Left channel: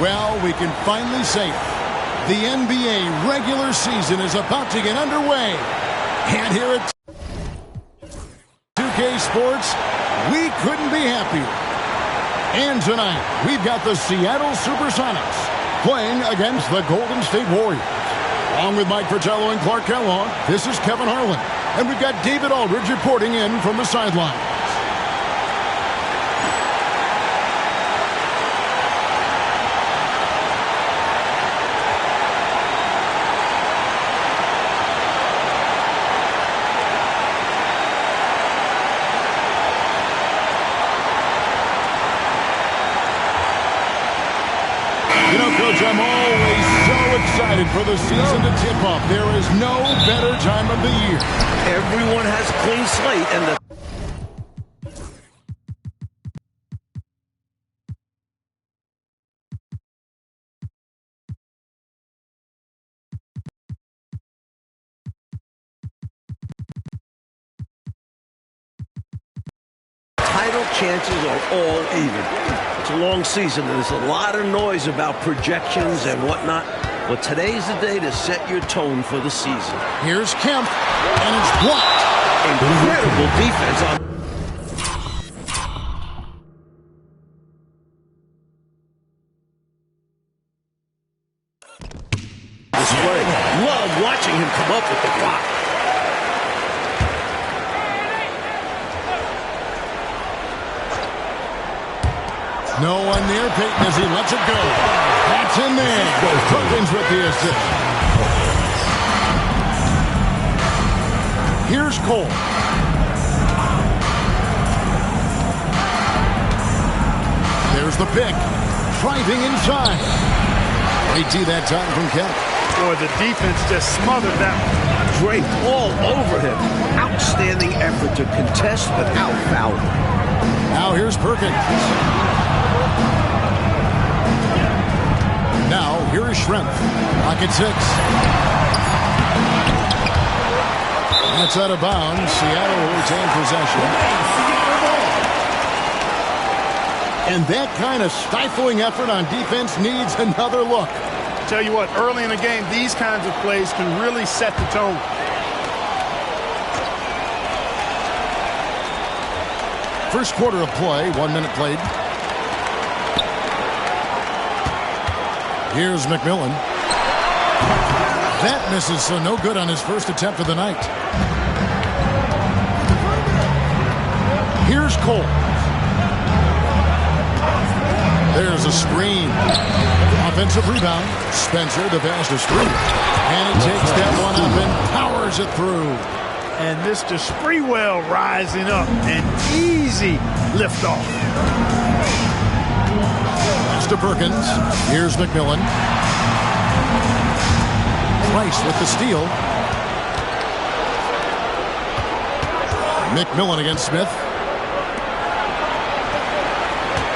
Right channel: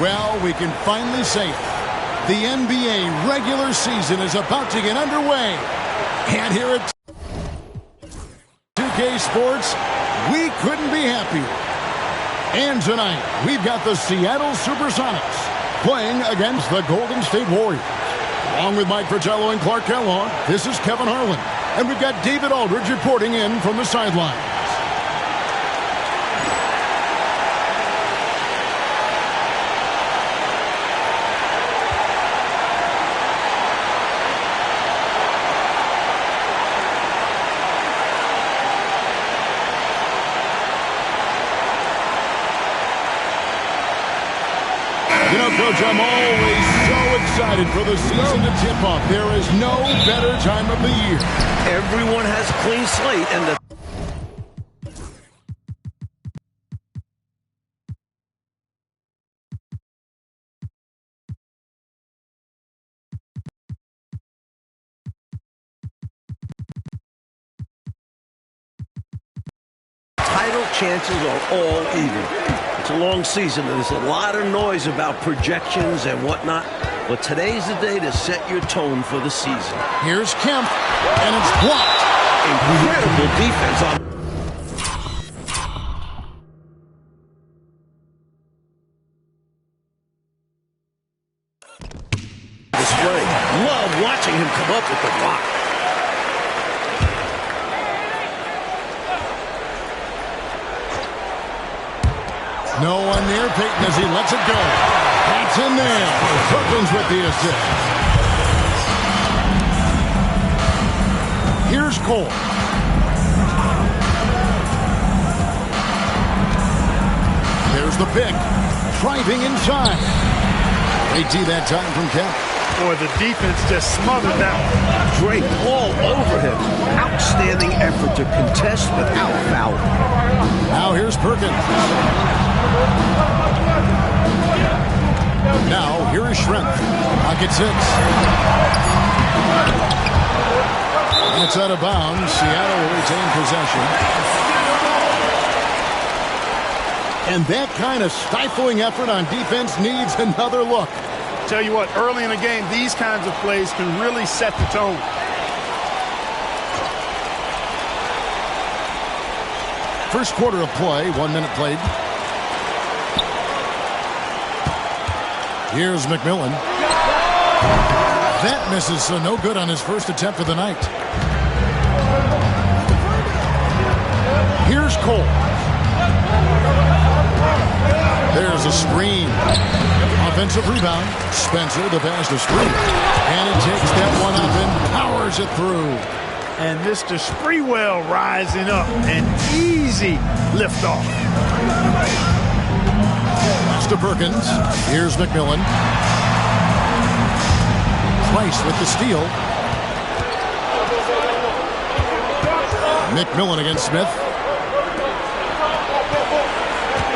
Well, we can finally say it. The NBA regular season is about to get underway. And here at 2K Sports, we couldn't be happier. And tonight, we've got the Seattle Supersonics playing against the Golden State Warriors. Along with Mike Fratello and Clark Kellogg, this is Kevin Harlan. And we've got David Aldridge reporting in from the sidelines. You know, Coach, I'm always so excited for the season to tip off. There is no better time of the year. Everyone has a clean slate, and the title chances are all even. It's a long season, and there's a lot of noise about projections and whatnot. But today's the day to set your tone for the season. Here's Kemp, and it's blocked. Incredible defense on display. Love watching him come up with the block. No one near Payton as he lets it go. That's in there. Perkins with the assist. Here's Cole. There's the pick. Driving inside. Great D that time from Kemp. Boy, the defense just smothered that one. Draped all over him. Outstanding effort to contest without fouling. Now here's Perkins. Now, here is Schrempf. Pocket 6. That's out of bounds. Seattle will retain possession. And that kind of stifling effort on defense needs another look. Tell you what, early in the game, these kinds of plays can really set the tone. First quarter of play, 1 minute played. Here's McMillan. That misses, so no good on his first attempt of the night. Here's Cole. There's a screen. Offensive rebound. Spencer, the pass to Spree. And he takes that one up and powers it through. And Mr. Spreewell rising up. An easy liftoff. Pass to Perkins. Here's McMillan. Price with the steal. McMillan against Smith.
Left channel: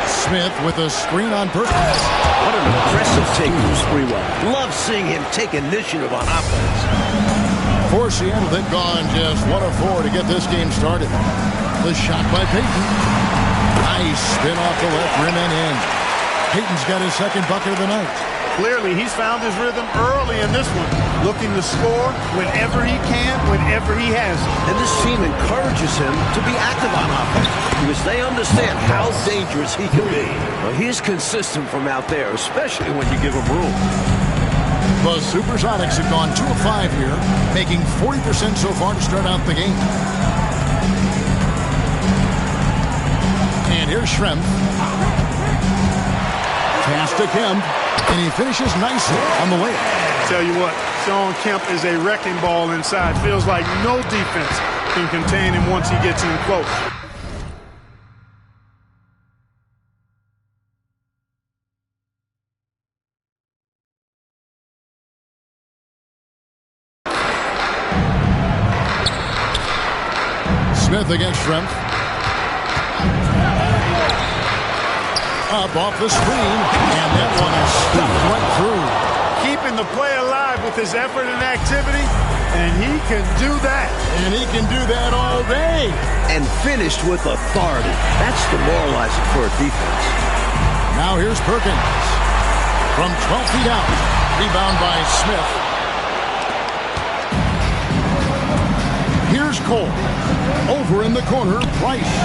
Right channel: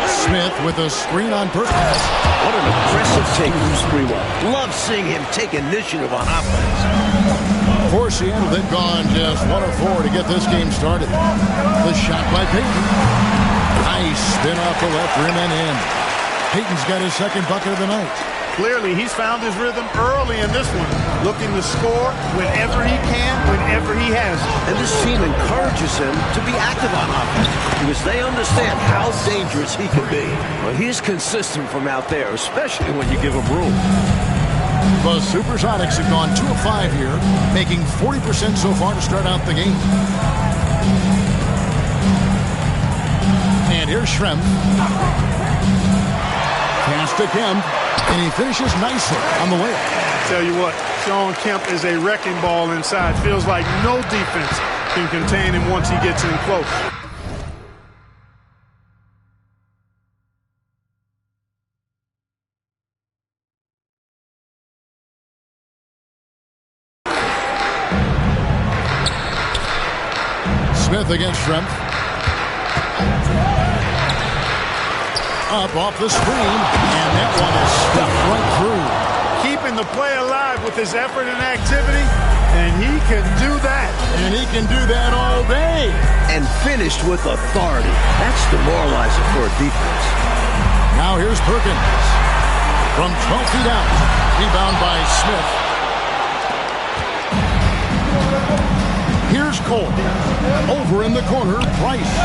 Smith with a screen on Perkins. What an aggressive take from Spreewell. Love seeing him take initiative on offense. For Seattle, they've gone just 1 of 4 to get this game started. The shot by Payton. Nice spin off the left rim and in. Payton's got his second bucket of the night. Clearly, he's found his rhythm early in this one, looking to score whenever he can, whenever he has. And this team encourages him to be active on offense because they understand how dangerous he can be. Well, he's consistent from out there, especially when you give him room. The Supersonics have gone 2 of 5 here, making 40% so far to start out the game. And here's Schrempf. Pass to Kemp, and he finishes nicely on the layup. Tell you what, Shawn Kemp is a wrecking ball inside. Feels like no defense can contain him once he gets in close. Smith against Schrempf. Up off the screen, and that one is stuffed right through. Keeping the play alive with his effort and activity, and he can do that. And he can do that all day. And finished with authority. That's demoralizing for a defense. Now here's Perkins. From 12 feet out. Rebound by Smith. Here's Cole. Over in the corner, Price.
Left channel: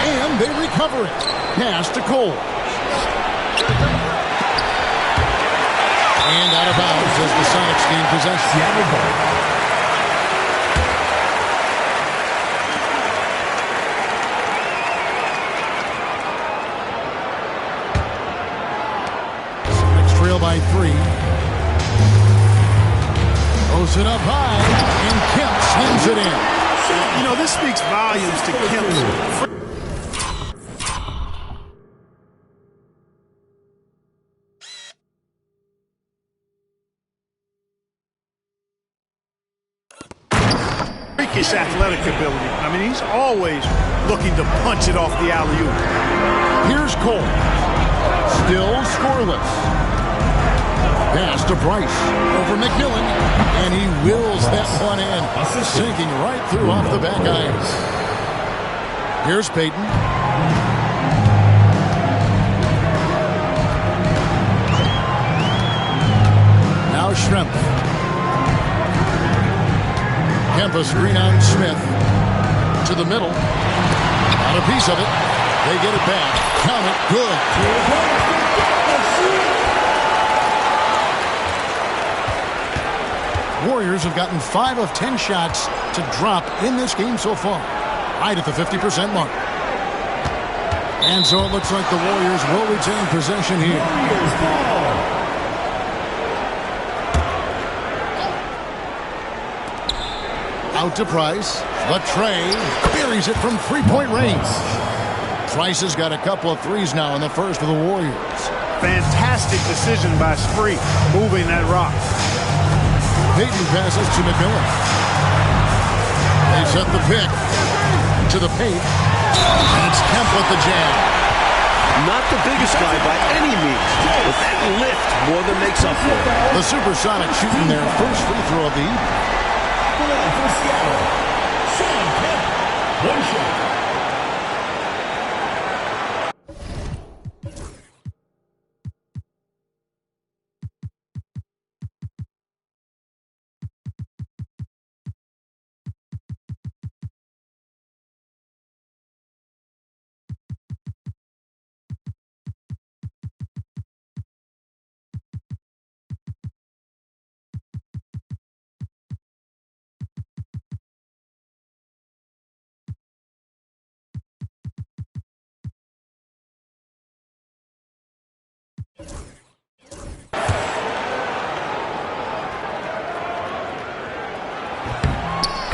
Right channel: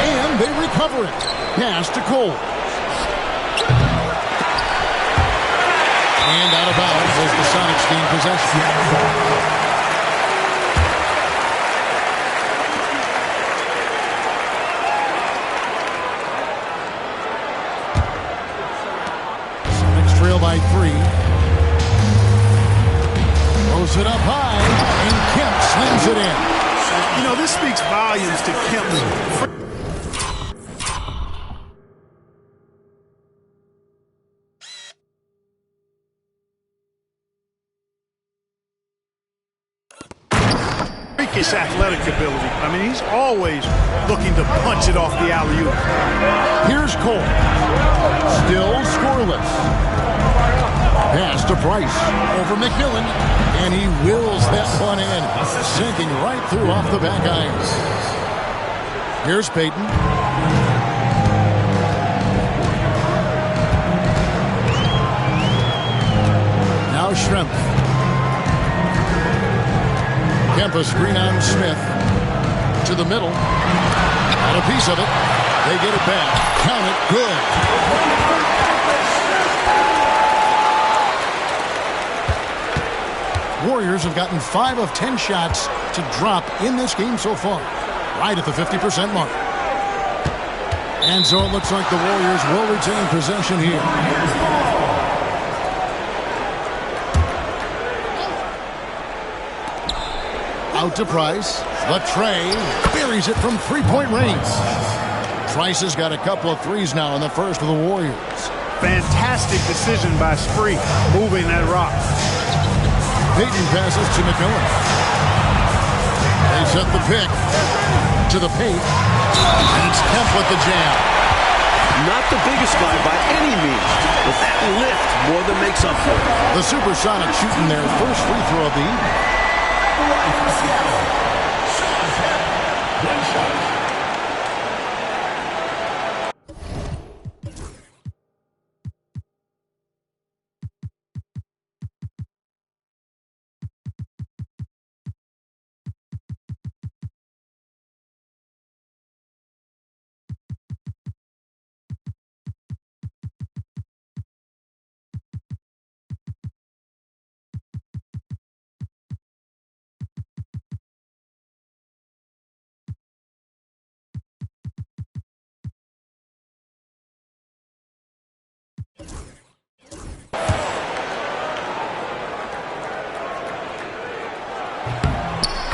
And they recover it. Pass to Cole. And out of bounds as the Sonics gain possession. Sonics trail by 3. Throws it up high, and Kemp slings it in. You know, this speaks volumes to Kemp's. Freakish athletic ability. I mean, he's always looking to punch it off the alley-oop. Here's Cole. Still scoreless. Pass to Price. Over McMillan. And he wills that one in. Sinking right through off the back iron. Here's Payton. Now Schrempf. Kemp a screen on Smith. To the middle. Got a piece of it. They get it back. Count it. Good. Warriors have gotten 5 of 10 shots to drop in this game so far. Right at the 50% mark. And so it looks like the Warriors will retain possession here. Out to Price. The tray. Buries it from three-point range. Price has got a couple of threes now in the first for the Warriors. Fantastic decision by Spree, moving that rock. Payton passes to McMillan. They set the pick to the paint. And it's Kemp with the jam. Not the biggest guy by any means, but that lift more than makes up for it. The Supersonics shooting their first free throw of the evening. For Seattle, Sean Kemp, 1 shot.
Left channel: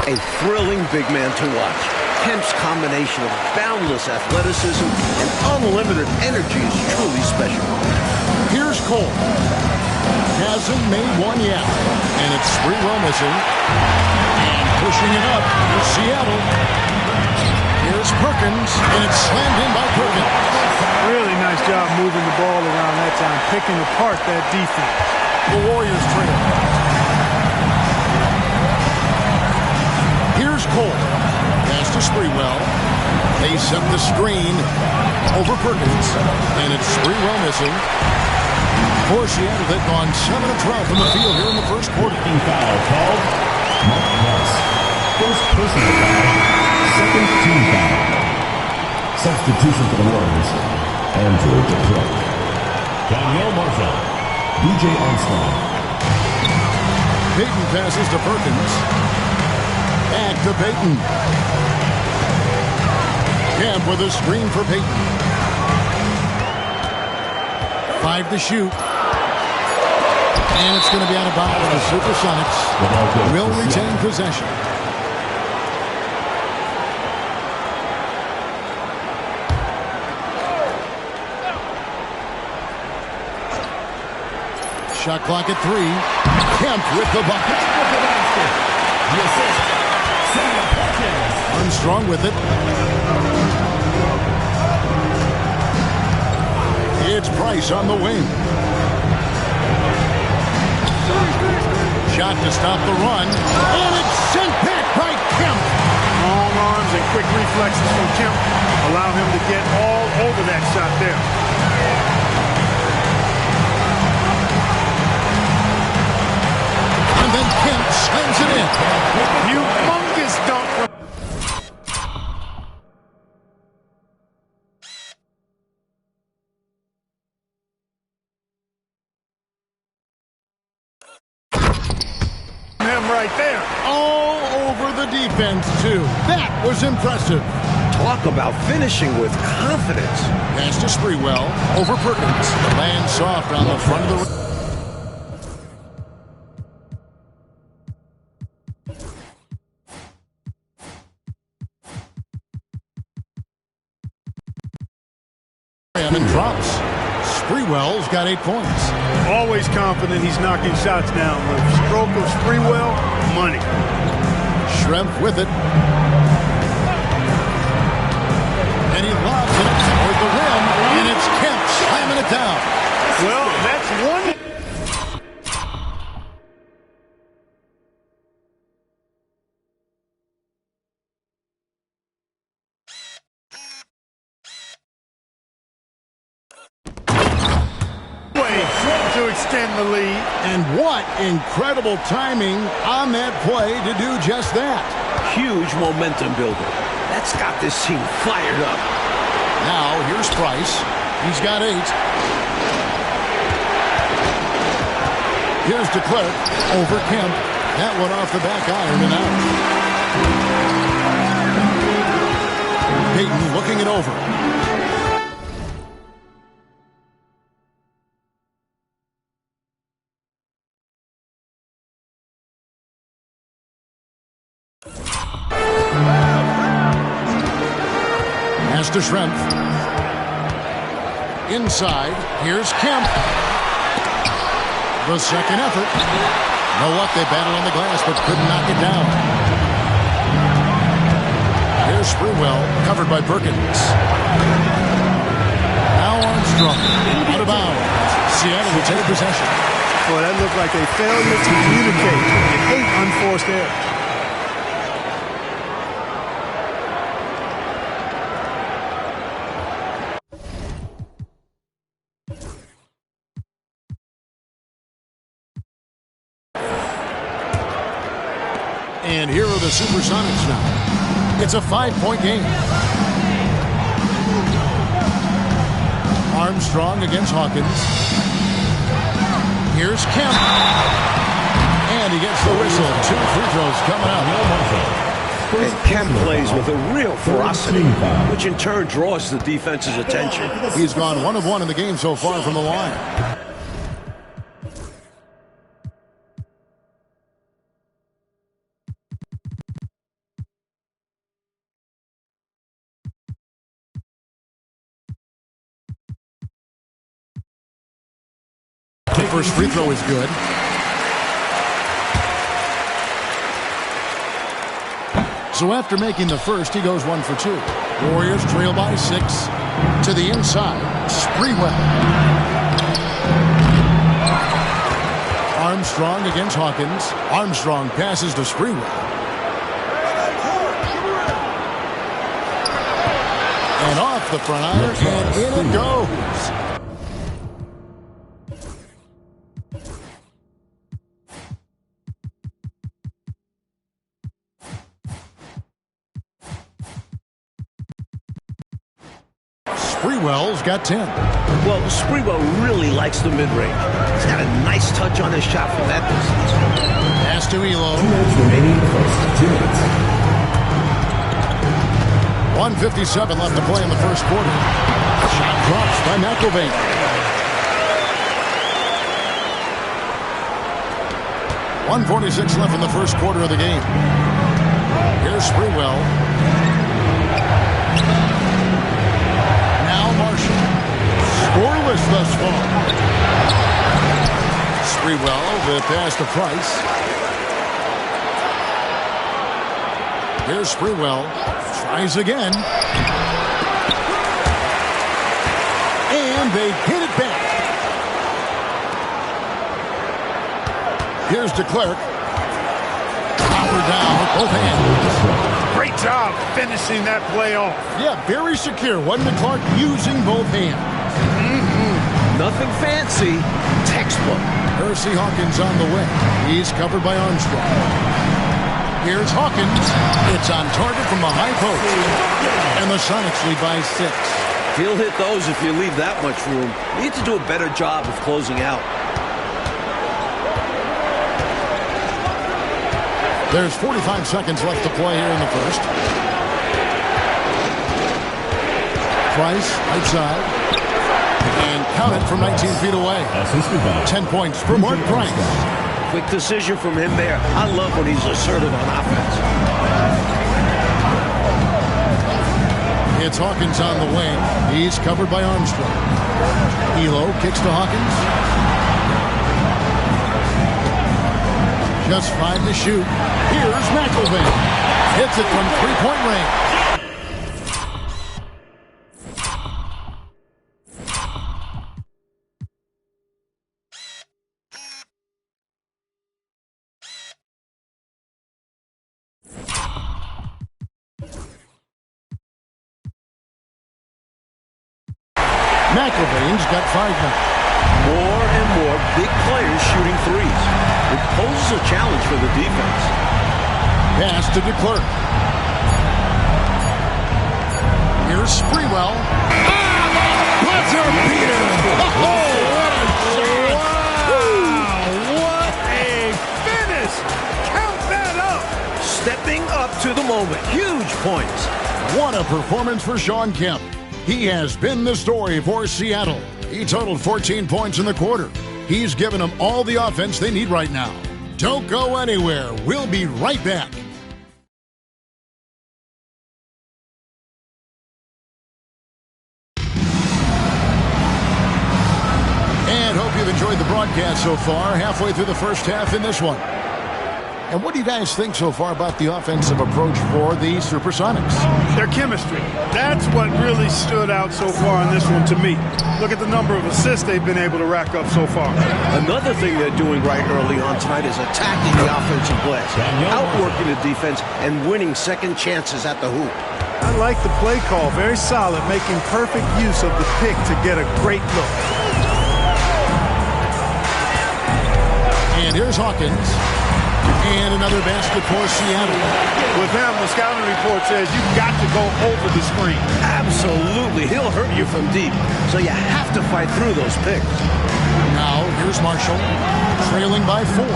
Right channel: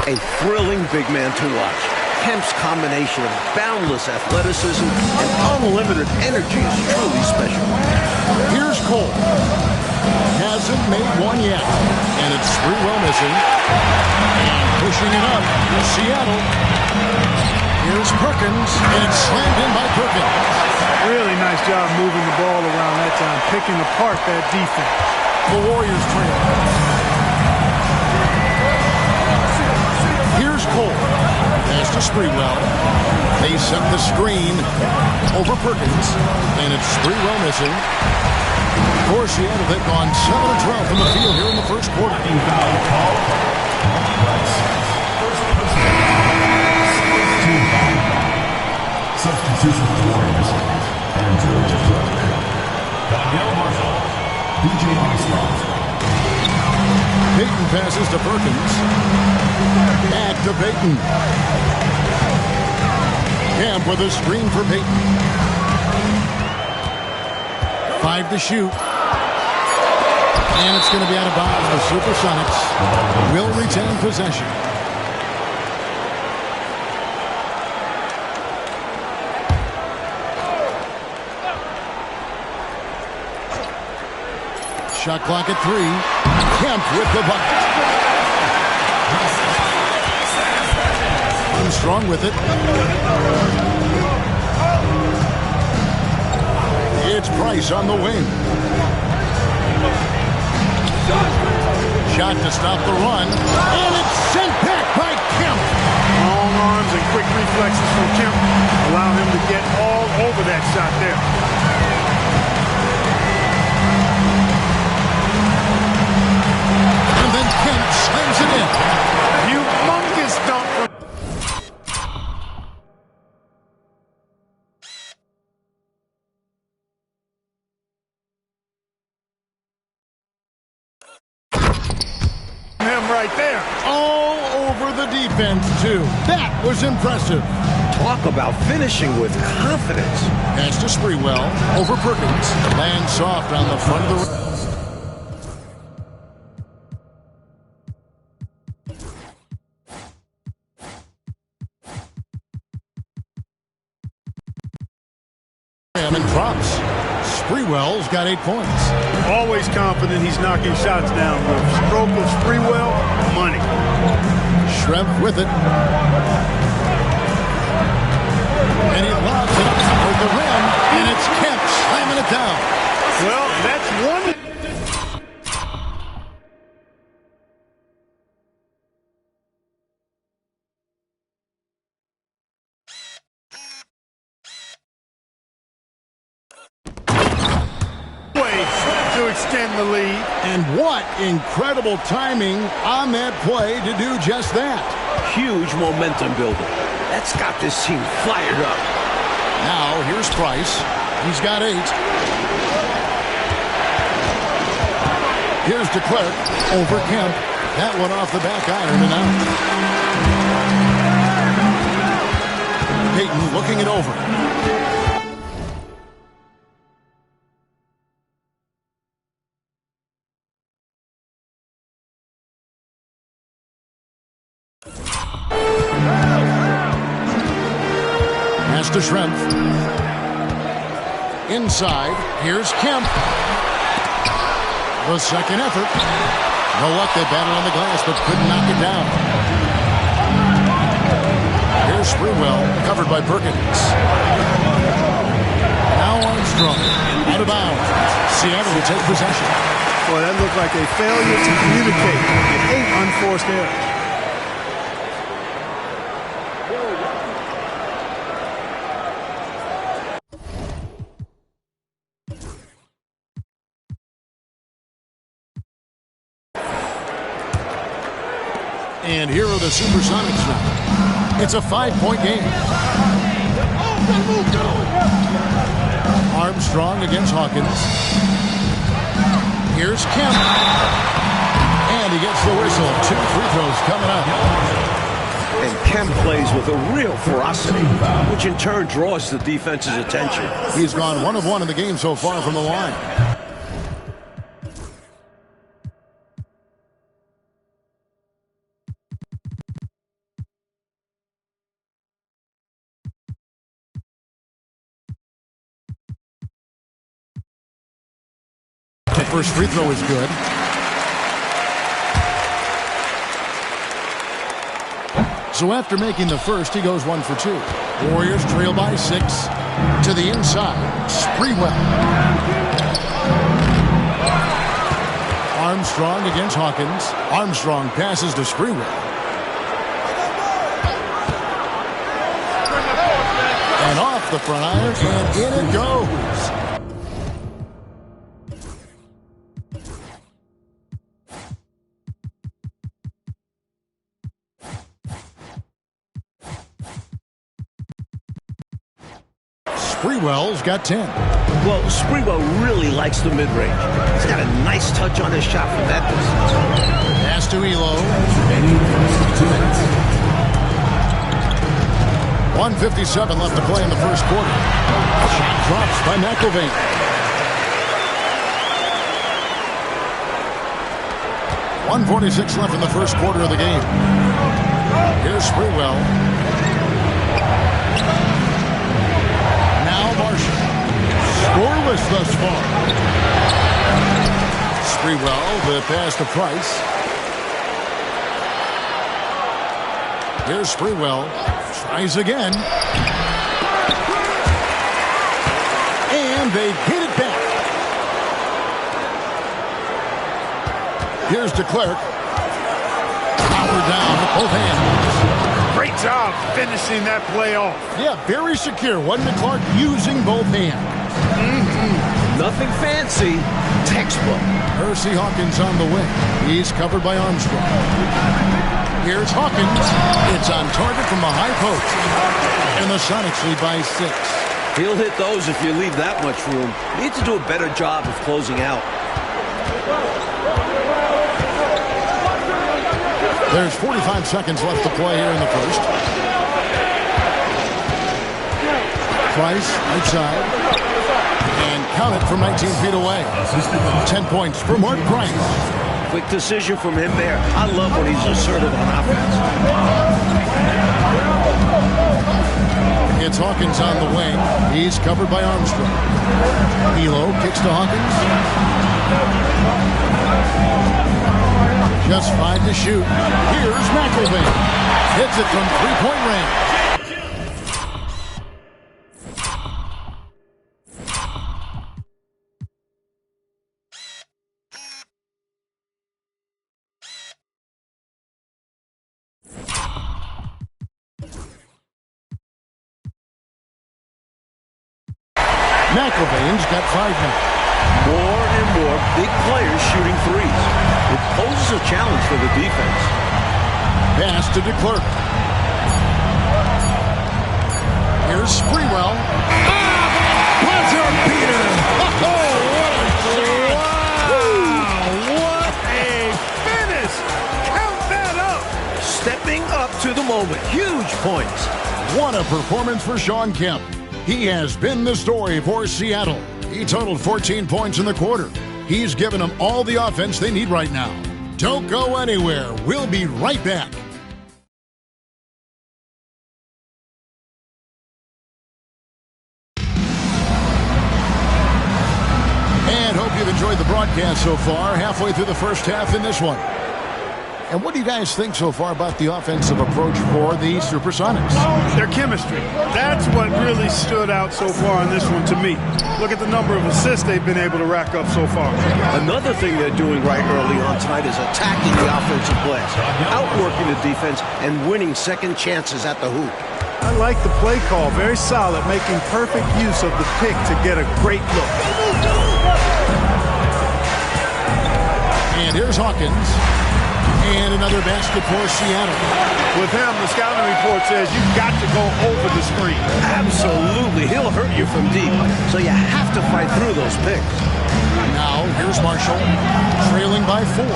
A thrilling big man to watch. Kemp's combination of boundless athleticism and unlimited energy is truly special. Here's Cole. Hasn't made one yet. And it's Sprewell missing. And pushing it up. Seattle. Here's Perkins. And it's slammed in by Perkins. Really nice job moving the ball around that time, picking apart that defense. The Warriors trail. Here's Cole. Pass to Sprewell. They set the screen over Perkins. And it's Sprewell missing. For Seattle, they've gone 7 of 12 from the field here in the first quarter. Foul called. First personal foul. Second team foul. Substitution for the Warriors. Andrew DeProok. Danielle Marshall. DJ Armstrong. Payton passes to Perkins. Back to Payton. Kemp with a screen for Payton. 5 to shoot. And it's going to be out of bounds. The Supersonics will retain possession. Shot clock at 3. Kemp with the bucket. Armstrong with it. It's Price on the wing. Shot to stop the run. And it's sent back by Kemp. Long arms and quick reflexes from Kemp allow him to get all over that shot there. then Kemp slams it in. Humongous dunk from... him right there. All over the defense, too. That was impressive. Talk about finishing with confidence. Pass to Sprewell. Over Perkins. Lands soft on the front of the rim. And drops. Sprewell's got 8 points. Always confident he's knocking shots down. The stroke of Sprewell, money. Schrempf with it. And he lobs it up toward the rim. And it's Kemp slamming it down. Well, that's one... way to extend the lead. And what incredible timing on that play to do just that. Huge momentum builder. That's got this team fired up. Now, here's Price. He's got 8. Here's DeClerc over Kemp. That one off the back iron and out. Payton looking it over. Pass to Schrempf. Inside, here's Kemp. The second effort. No luck, they battled on the glass, but couldn't knock it down. Here's Sprewell, covered by Perkins. Now Armstrong, out of bounds. Seattle will take possession. Boy, that looked like a failure to communicate. 8 unforced errors. And here are the Supersonics now. It's a 5-point game. Armstrong against Hawkins. Here's Kemp. And he gets the whistle. 2 free throws coming up. And Kemp plays with a real ferocity, which in turn draws the defense's attention. He's gone 1 of 1 in the game so far from the line. The first free throw is good. So after making the first, he goes 1 for 2. Warriors trail by 6. To the inside, Sprewell. Armstrong against Hawkins. Armstrong passes to Sprewell. And off the front iron, and in it goes. Sprewell's got 10. Well, Sprewell really likes the mid-range. He's got a nice touch on his shot from that distance. Pass to Elo. 1:57 left to play in the first quarter. Shot drops by McIlvaine. .146 left in the first quarter of the game. Here's Sprewell. Now Marshall. Scoreless thus far. Sprewell, the pass to Price. Here's Sprewell. Tries again. And they get it back. Here's DeClerc. Power down with both hands. Great job finishing that play off. Yeah, very secure. Wasn't DeClerc using both hands? Nothing fancy, textbook. Percy Hawkins on the wing. He's covered by Armstrong. Here's Hawkins. It's on target from the high post. And the Sonics lead by 6. He'll hit those if you leave that much room. Need to do a better job of closing out. There's 45 seconds left to play here in the first. Price, right side. And count it from 19 feet away. 10 points for Mark Price. Quick decision from him there. I love when he's assertive on offense. It's Hawkins on the wing. He's covered by Armstrong. Elo kicks to Hawkins. Just 5 to shoot. Here's McElvain. Hits it from three-point range. McElvain's got 5 now. More and more big players shooting threes. It poses a challenge for the defense. Pass to DeClerc. Here's Sprewell. Ah, the buzzer beater! Oh, what a shot! Wow, what a finish! Count that up! Stepping up to the moment. Huge points. What a performance for Shawn Kemp. He has been the story for Seattle. He totaled 14 points in the quarter. He's given them all the offense they need right now. Don't go anywhere. We'll be right back. And hope you've enjoyed the broadcast so far. Halfway through the first half in this one. And what do you guys think so far about the offensive approach for the Supersonics? Their chemistry. That's what really stood out so far in this one to me. Look at the number of assists they've been able to rack up so far. Another thing they're doing right early on tonight is attacking the offensive glass, outworking the defense, and winning second chances at the hoop. I like the play call. Very solid, making perfect use of the pick to get a great look. And here's Hawkins. And another basket for Seattle. With him, the scouting report says you've got to go over the screen. Absolutely. He'll hurt you from deep, so you have to fight through those picks. Now, here's Marshall, trailing by 4.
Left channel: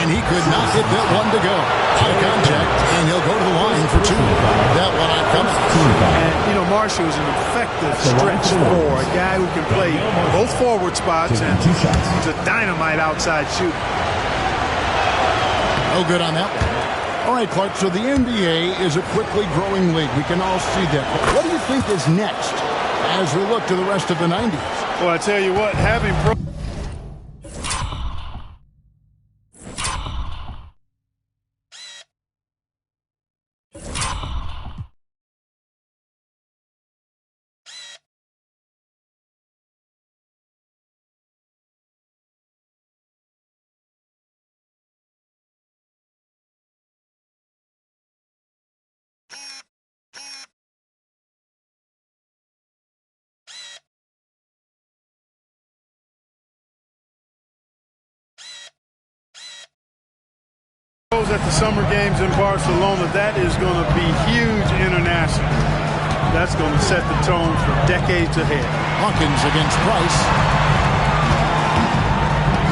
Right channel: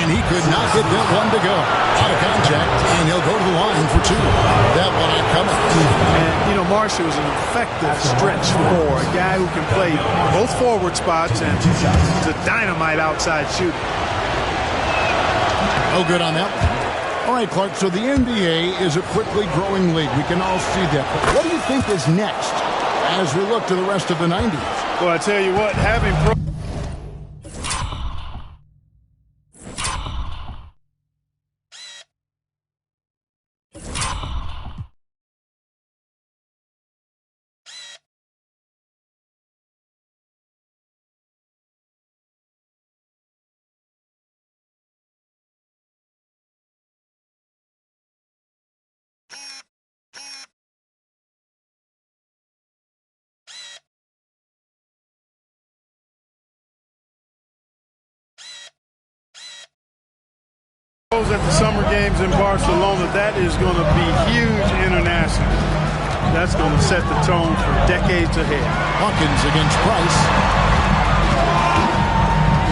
And he could not get that one to go. Out of contact, and he'll go to the line for 2. That one not coming. And, you know, Marshall is an effective stretch for a guy who can play both forward spots, and he's a dynamite outside shooter. No good on that one. All right, Clark, so the NBA is a quickly growing league. We can all see that. But what do you think is next as we look to the rest of the 90s? Well, I tell you what, having at the summer games in Barcelona, that is going to be huge internationally. That's going to set the tone for decades ahead. Hawkins against Price.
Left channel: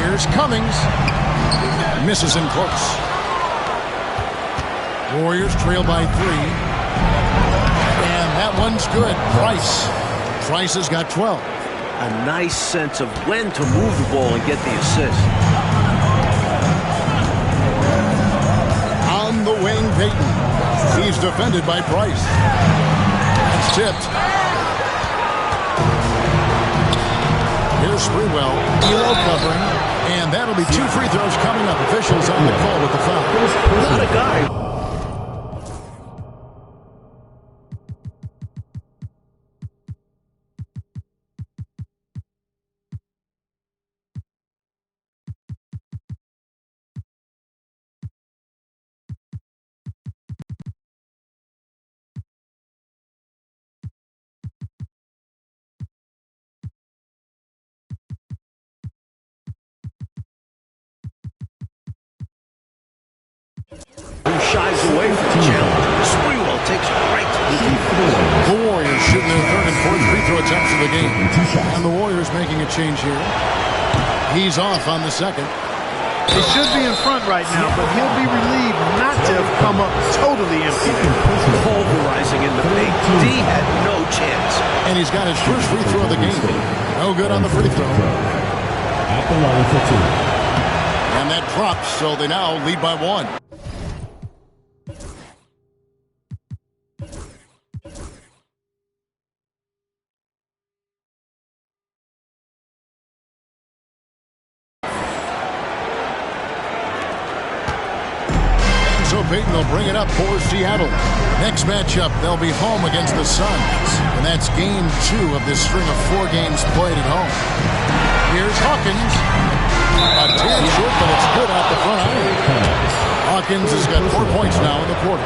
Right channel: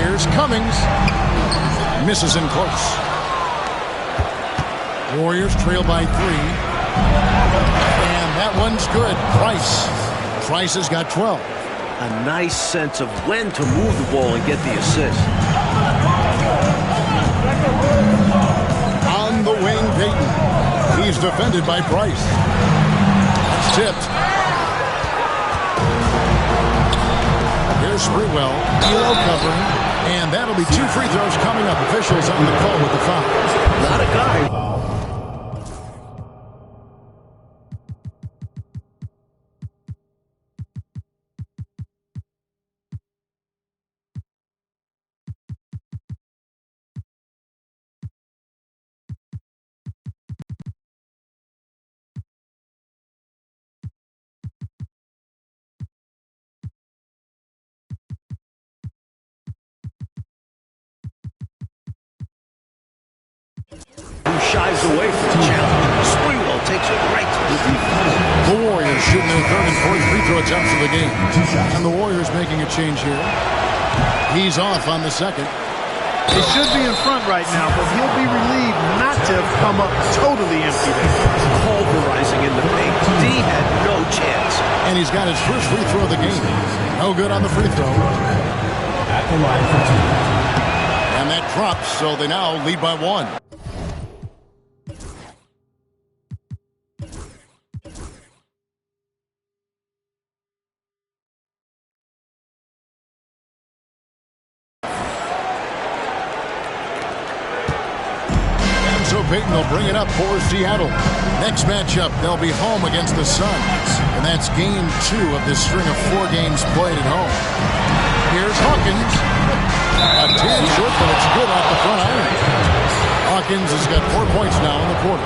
Here's Cummings. Misses in close. Warriors trail by 3. And that one's good. Price. Price has got 12. A nice sense of when to move the ball and get the assist. On the wing, Payton. He's defended by Price. That's tipped. Here's Sprewell. Elo covering. And that'll be 2 free throws coming up. Officials on the call with the foul. Not a guy shies away from the challenge. Sprewell takes it right to the defense. The Warriors shooting their third and fourth free throw attempts of the game. And the Warriors making a change here. He's off on the second. They should be in front right now, but he'll be relieved not to have come up totally empty there. Pulverizing in the paint. D had no chance. And he's got his first free throw of the game. No good on the free throw. At the line for two. And that drops, so they now lead by one. So Payton will bring it up for Seattle. Next matchup, they'll be home against the Suns. And that's game 2 of this string of 4 games played at home. Here's Hawkins. A tad short, but it's good off the front iron. Hawkins has got 4 points now in the quarter.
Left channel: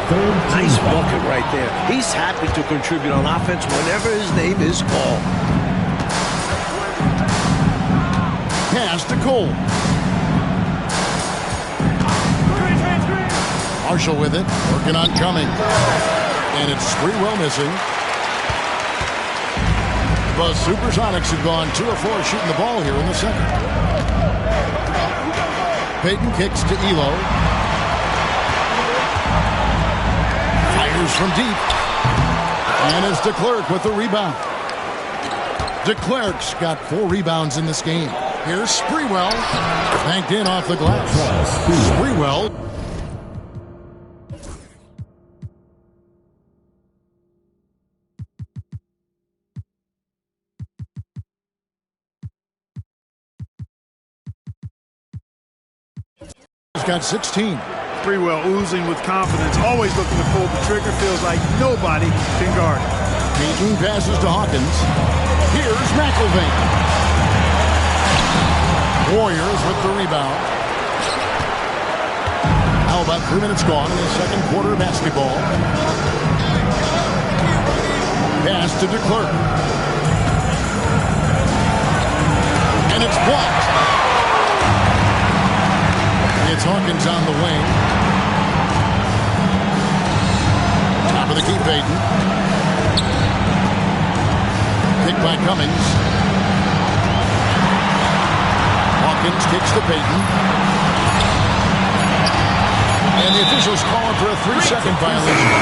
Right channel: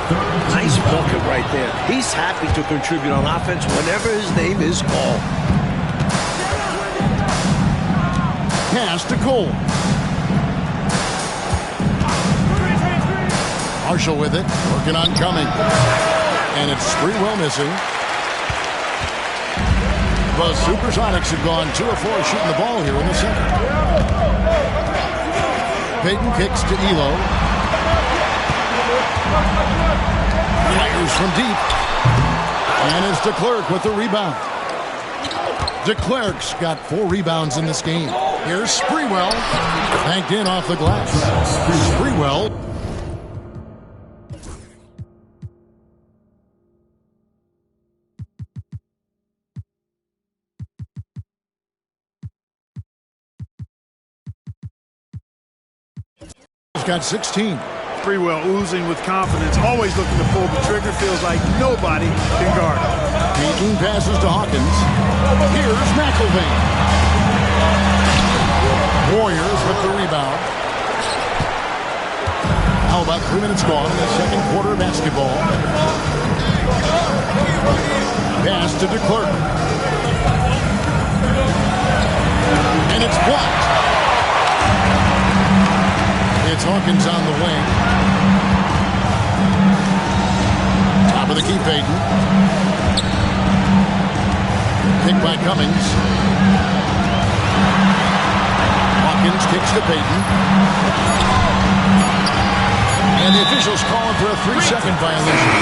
Nice bucket right there. He's happy to contribute on offense whenever his name is called. Pass to Cole. Marshall with it, working on coming. And it's Sprewell missing. The Supersonics have gone 2 of 4 shooting the ball here in the second. Payton kicks to Elo. Fires from deep. And it's DeClerc with the rebound. DeClerc's got 4 rebounds in this game. Here's Sprewell. Banked in off the glass. Sprewell. Got 16. Sprewell oozing with confidence, always looking to pull the trigger. Feels like nobody can guard him. Payton passes to Hawkins. Here's McElvain. Warriors with the rebound. Now about 3 minutes gone in the second quarter of basketball. Pass to DeClerc. And it's blocked. It's Hawkins on the wing. Top of the key, Payton. Kick by Cummings. Hawkins kicks to Payton. And the officials calling for a 3-second violation.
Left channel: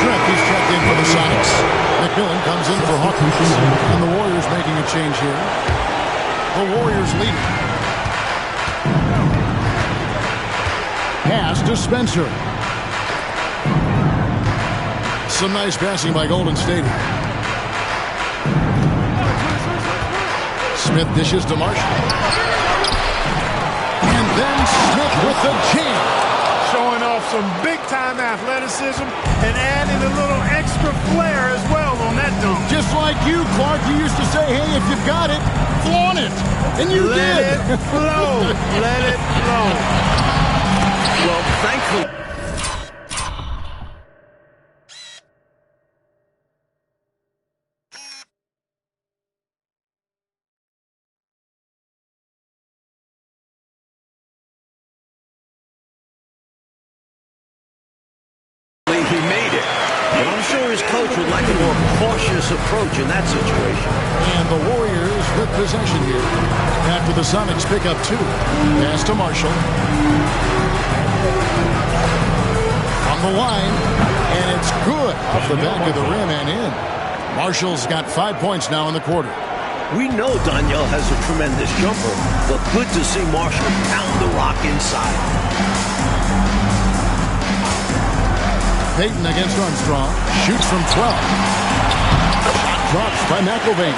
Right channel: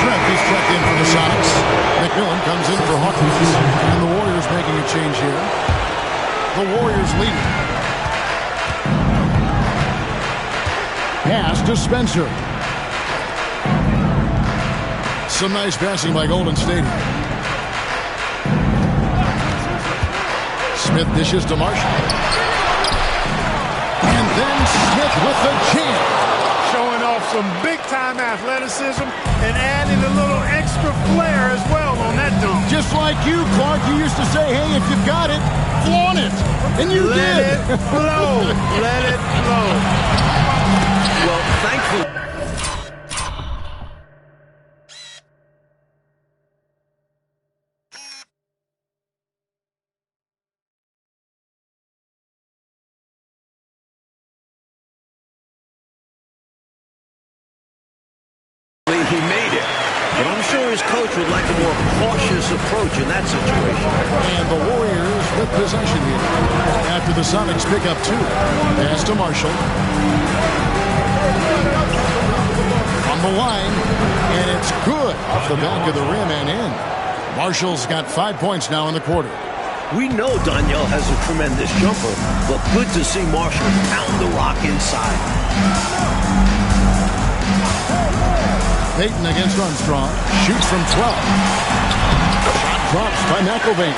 Schreck is checked in for the Sonics. McMillan comes in for Hawkins. And the Warriors making a change here. The Warriors leading. Pass to Spencer. Some nice passing by Golden State. Smith dishes to Marshall. And then Smith with the jam. Showing off some big-time athleticism and adding a little extra flair as well on that dunk. Just like you, Clark, you used to say, hey, if you've got it, flaunt it. And you did. Let it flow. Let it flow. Well, thankfully. He made it. But I'm sure his coach would like a more cautious approach in that situation. And the Warriors with possession here after the Sonics pick up 2. Pass to Marshall. From the line, and it's good off the back of the rim and in. Marshall's got 5 points now in the quarter. We know Danielle has a tremendous jumper, but good to see Marshall pound the rock inside. Payton against Armstrong. Shoots from 12. Shot drops by McElvain.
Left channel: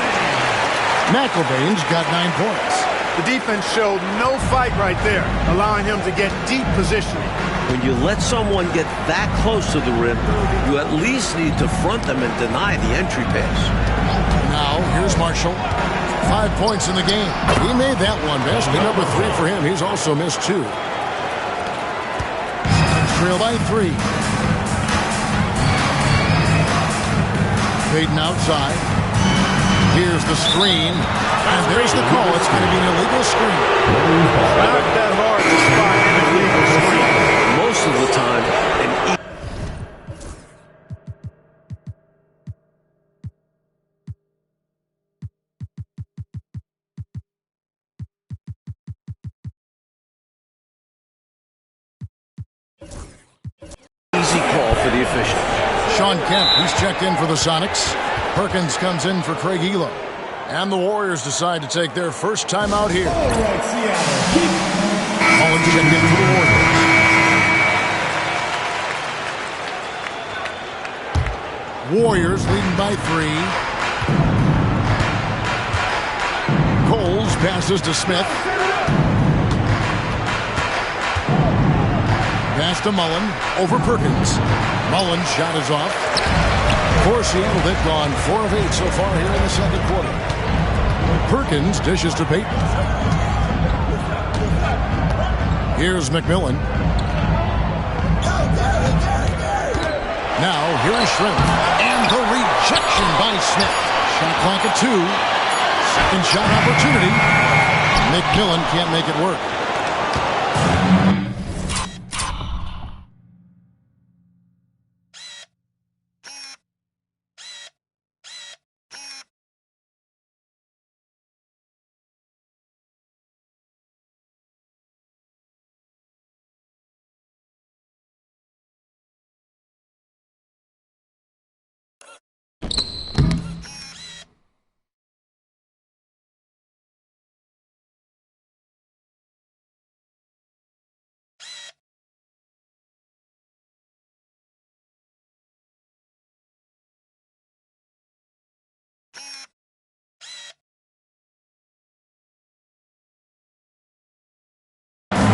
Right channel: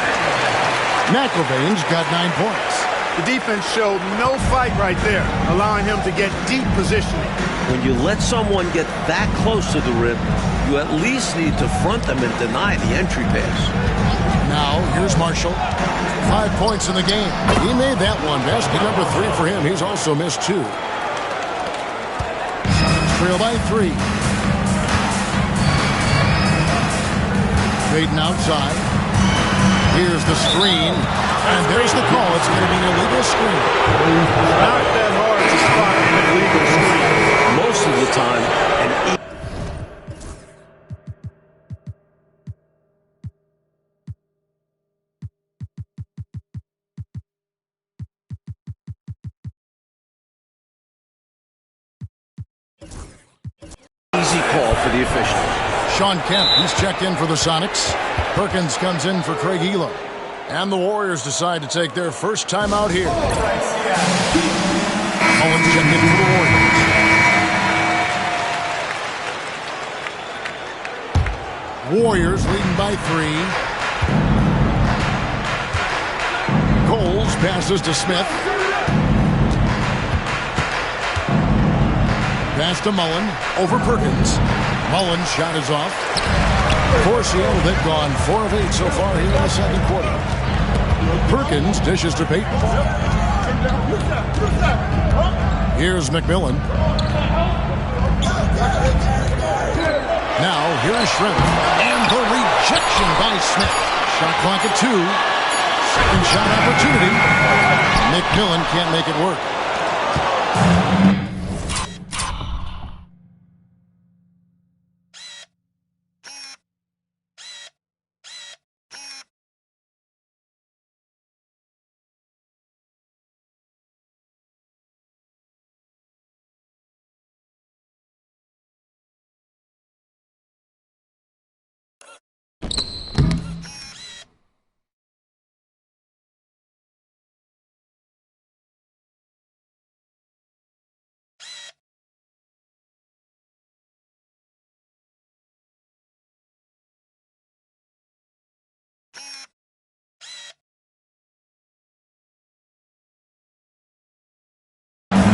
McElvain's got 9 points. The defense showed no fight right there, allowing him to get deep positioning. When you let someone get that close to the rim, you at least need to front them and deny the entry pass. Now, here's Marshall. 5 points in the game. He made that one. Basket number 3 for him. He's also missed 2. Trail by 3. Payton outside. Here's the screen, and there's the call. It's going to be an illegal screen. It's not that hard to spot an illegal screen. Most of the time, an easy call for the officials. Sean Kemp, he's checked in for the Sonics. Perkins comes in for Craig Elo. And the Warriors decide to take their first time out here. Mullins checked in for the Warriors. Warriors leading by 3. Coles passes to Smith. Pass to Mullen over Perkins. Mullen's shot is off. For Seattle, they've gone 4 of 8 so far here in the second quarter. Perkins dishes to Payton. Here's McMillan. Now, here is Shrimp. And the rejection by Smith. Shot clock at 2. Second shot opportunity. McMillan can't make it work.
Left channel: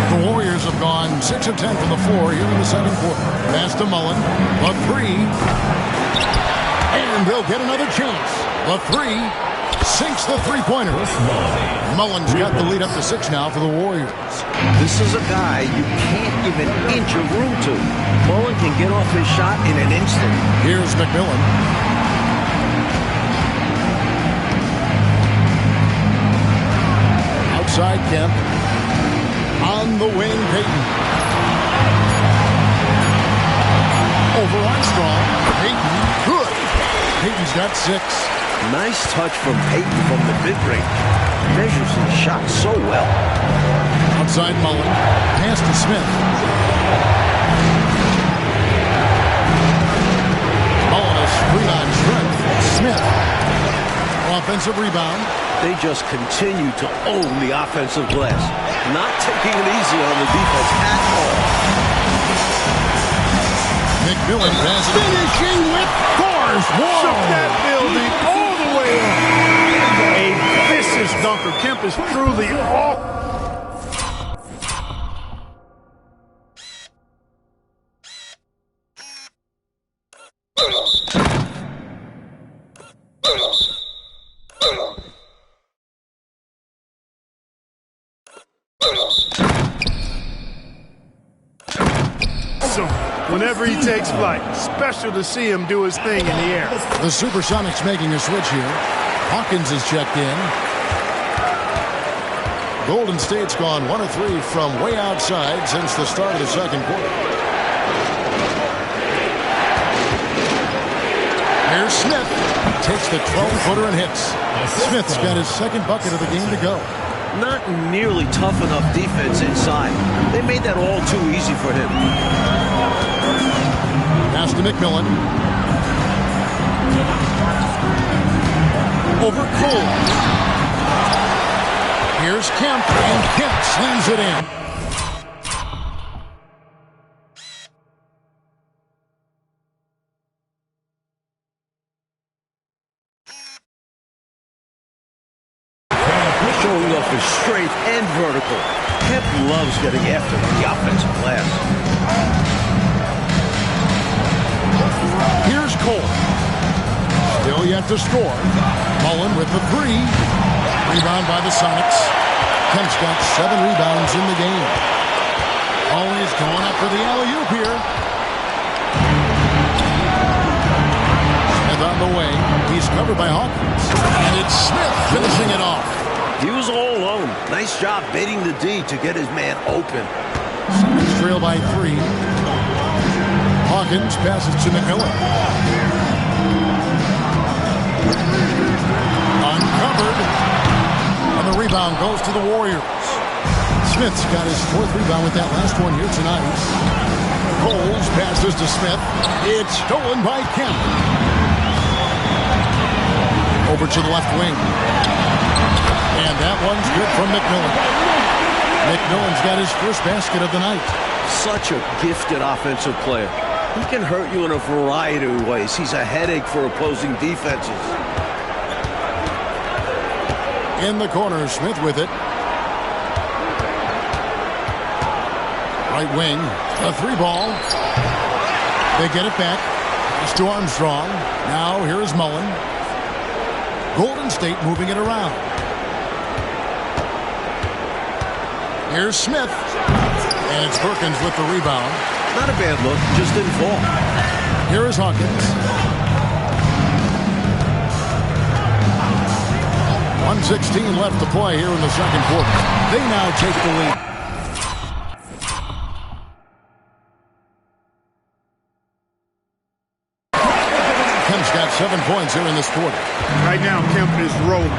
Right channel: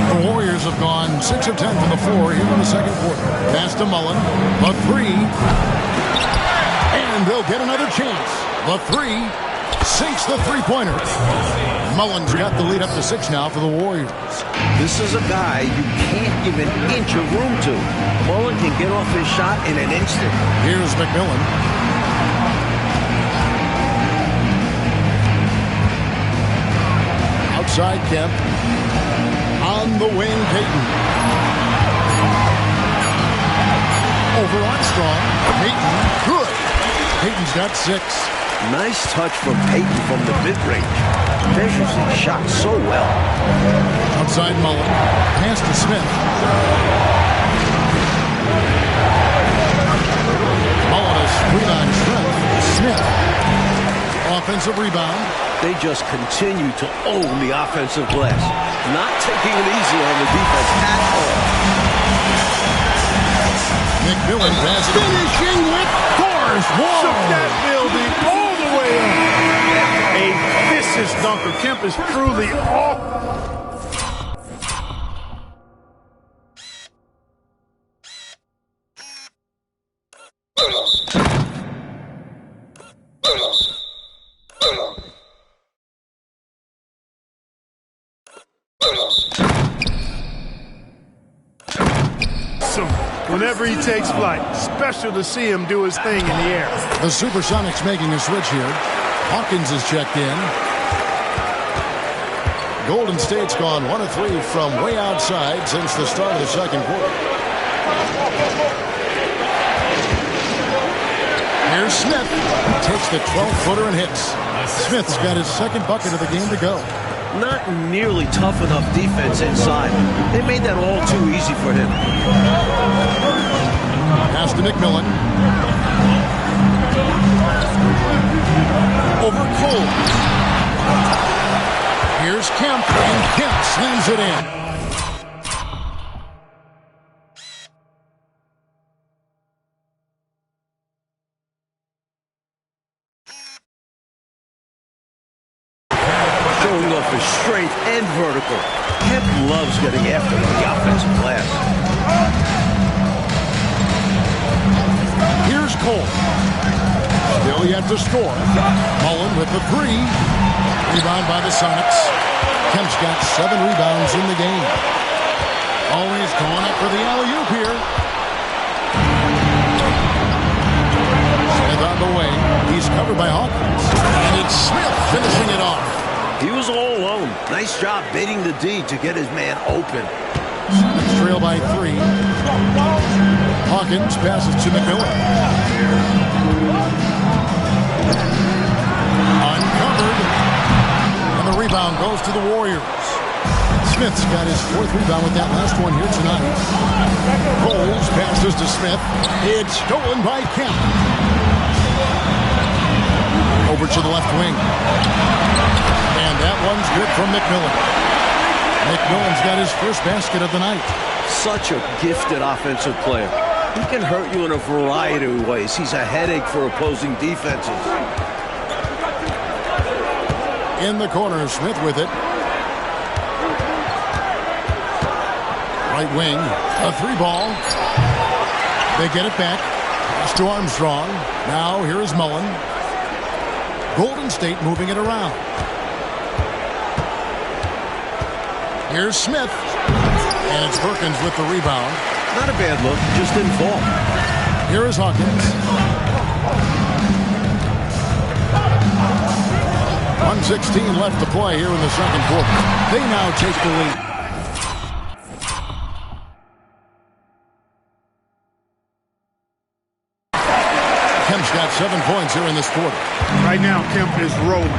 The Warriors have gone 6 of 10 from the floor here in the second quarter. Pass to Mullen. The 3. And they'll get another chance. The 3 sinks the three-pointer. Mullen's got the lead up to 6 now for the Warriors. This is a guy you can't give an inch of room to. Mullen can get off his shot in an instant. Here's McMillan. Outside Kemp. On the wing, Payton. Over Armstrong. Payton, good. Payton's got 6. Nice touch from Payton from the mid-range. Measures his shot so well. Outside Mullen. Pass to Smith. Mullen a screen on Shrimp. Smith. Offensive rebound. They just continue to own the offensive glass. Not taking it easy on the defense at all. McMillan pass finishing with force. Whoa! Shook that building all the way up. A vicious dunker. Kemp is truly off. Whenever he takes flight, special to see him do his thing in the air. The Supersonics making a switch here. Hawkins is checked in. Golden State's gone 1 of 3 from way outside since the start of the second quarter. Here's Smith. Takes the 12-footer and hits. Smith's got his second bucket of the game to go. Not nearly tough enough defense inside. They made that all too easy for him. Pass to McMillan. Over Cole. Here's Kemp, and Kemp slams it in. Showing off his strength and vertical. Kemp loves getting after the offensive glass. Here's Cole. Still yet to score. Mullen with the 3. Rebound by the Sonics. Kemp's got 7 rebounds in the game. Always going up for the alley-oop here. Smith Smith on the wing. He's covered by Hawkins. And it's Smith finishing it off. He was all alone. Nice job baiting the D to get his man open. Sonics trail by 3. Hawkins passes to McMillan. Uncovered. And the rebound goes to the Warriors. Smith's got his 4th rebound with that last one here tonight. Coles passes to Smith. It's stolen by Kemp. Over to the left wing. And that one's good from McMillan. McMillan's got his first basket of the night. Such a gifted offensive player. He can hurt you in a variety of ways. He's a headache for opposing defenses. In the corner, Smith with it. Right wing, a 3-ball. They get it back. Pass to Armstrong. Now here is Mullen. Golden State moving it around. Here's Smith. And it's Perkins with the rebound. Not a bad look, just didn't fall. Here is Hawkins. 1:16 left to play here in the second quarter. They now take the lead. Kemp's got 7 points here in this quarter. Right now, Kemp is rolling.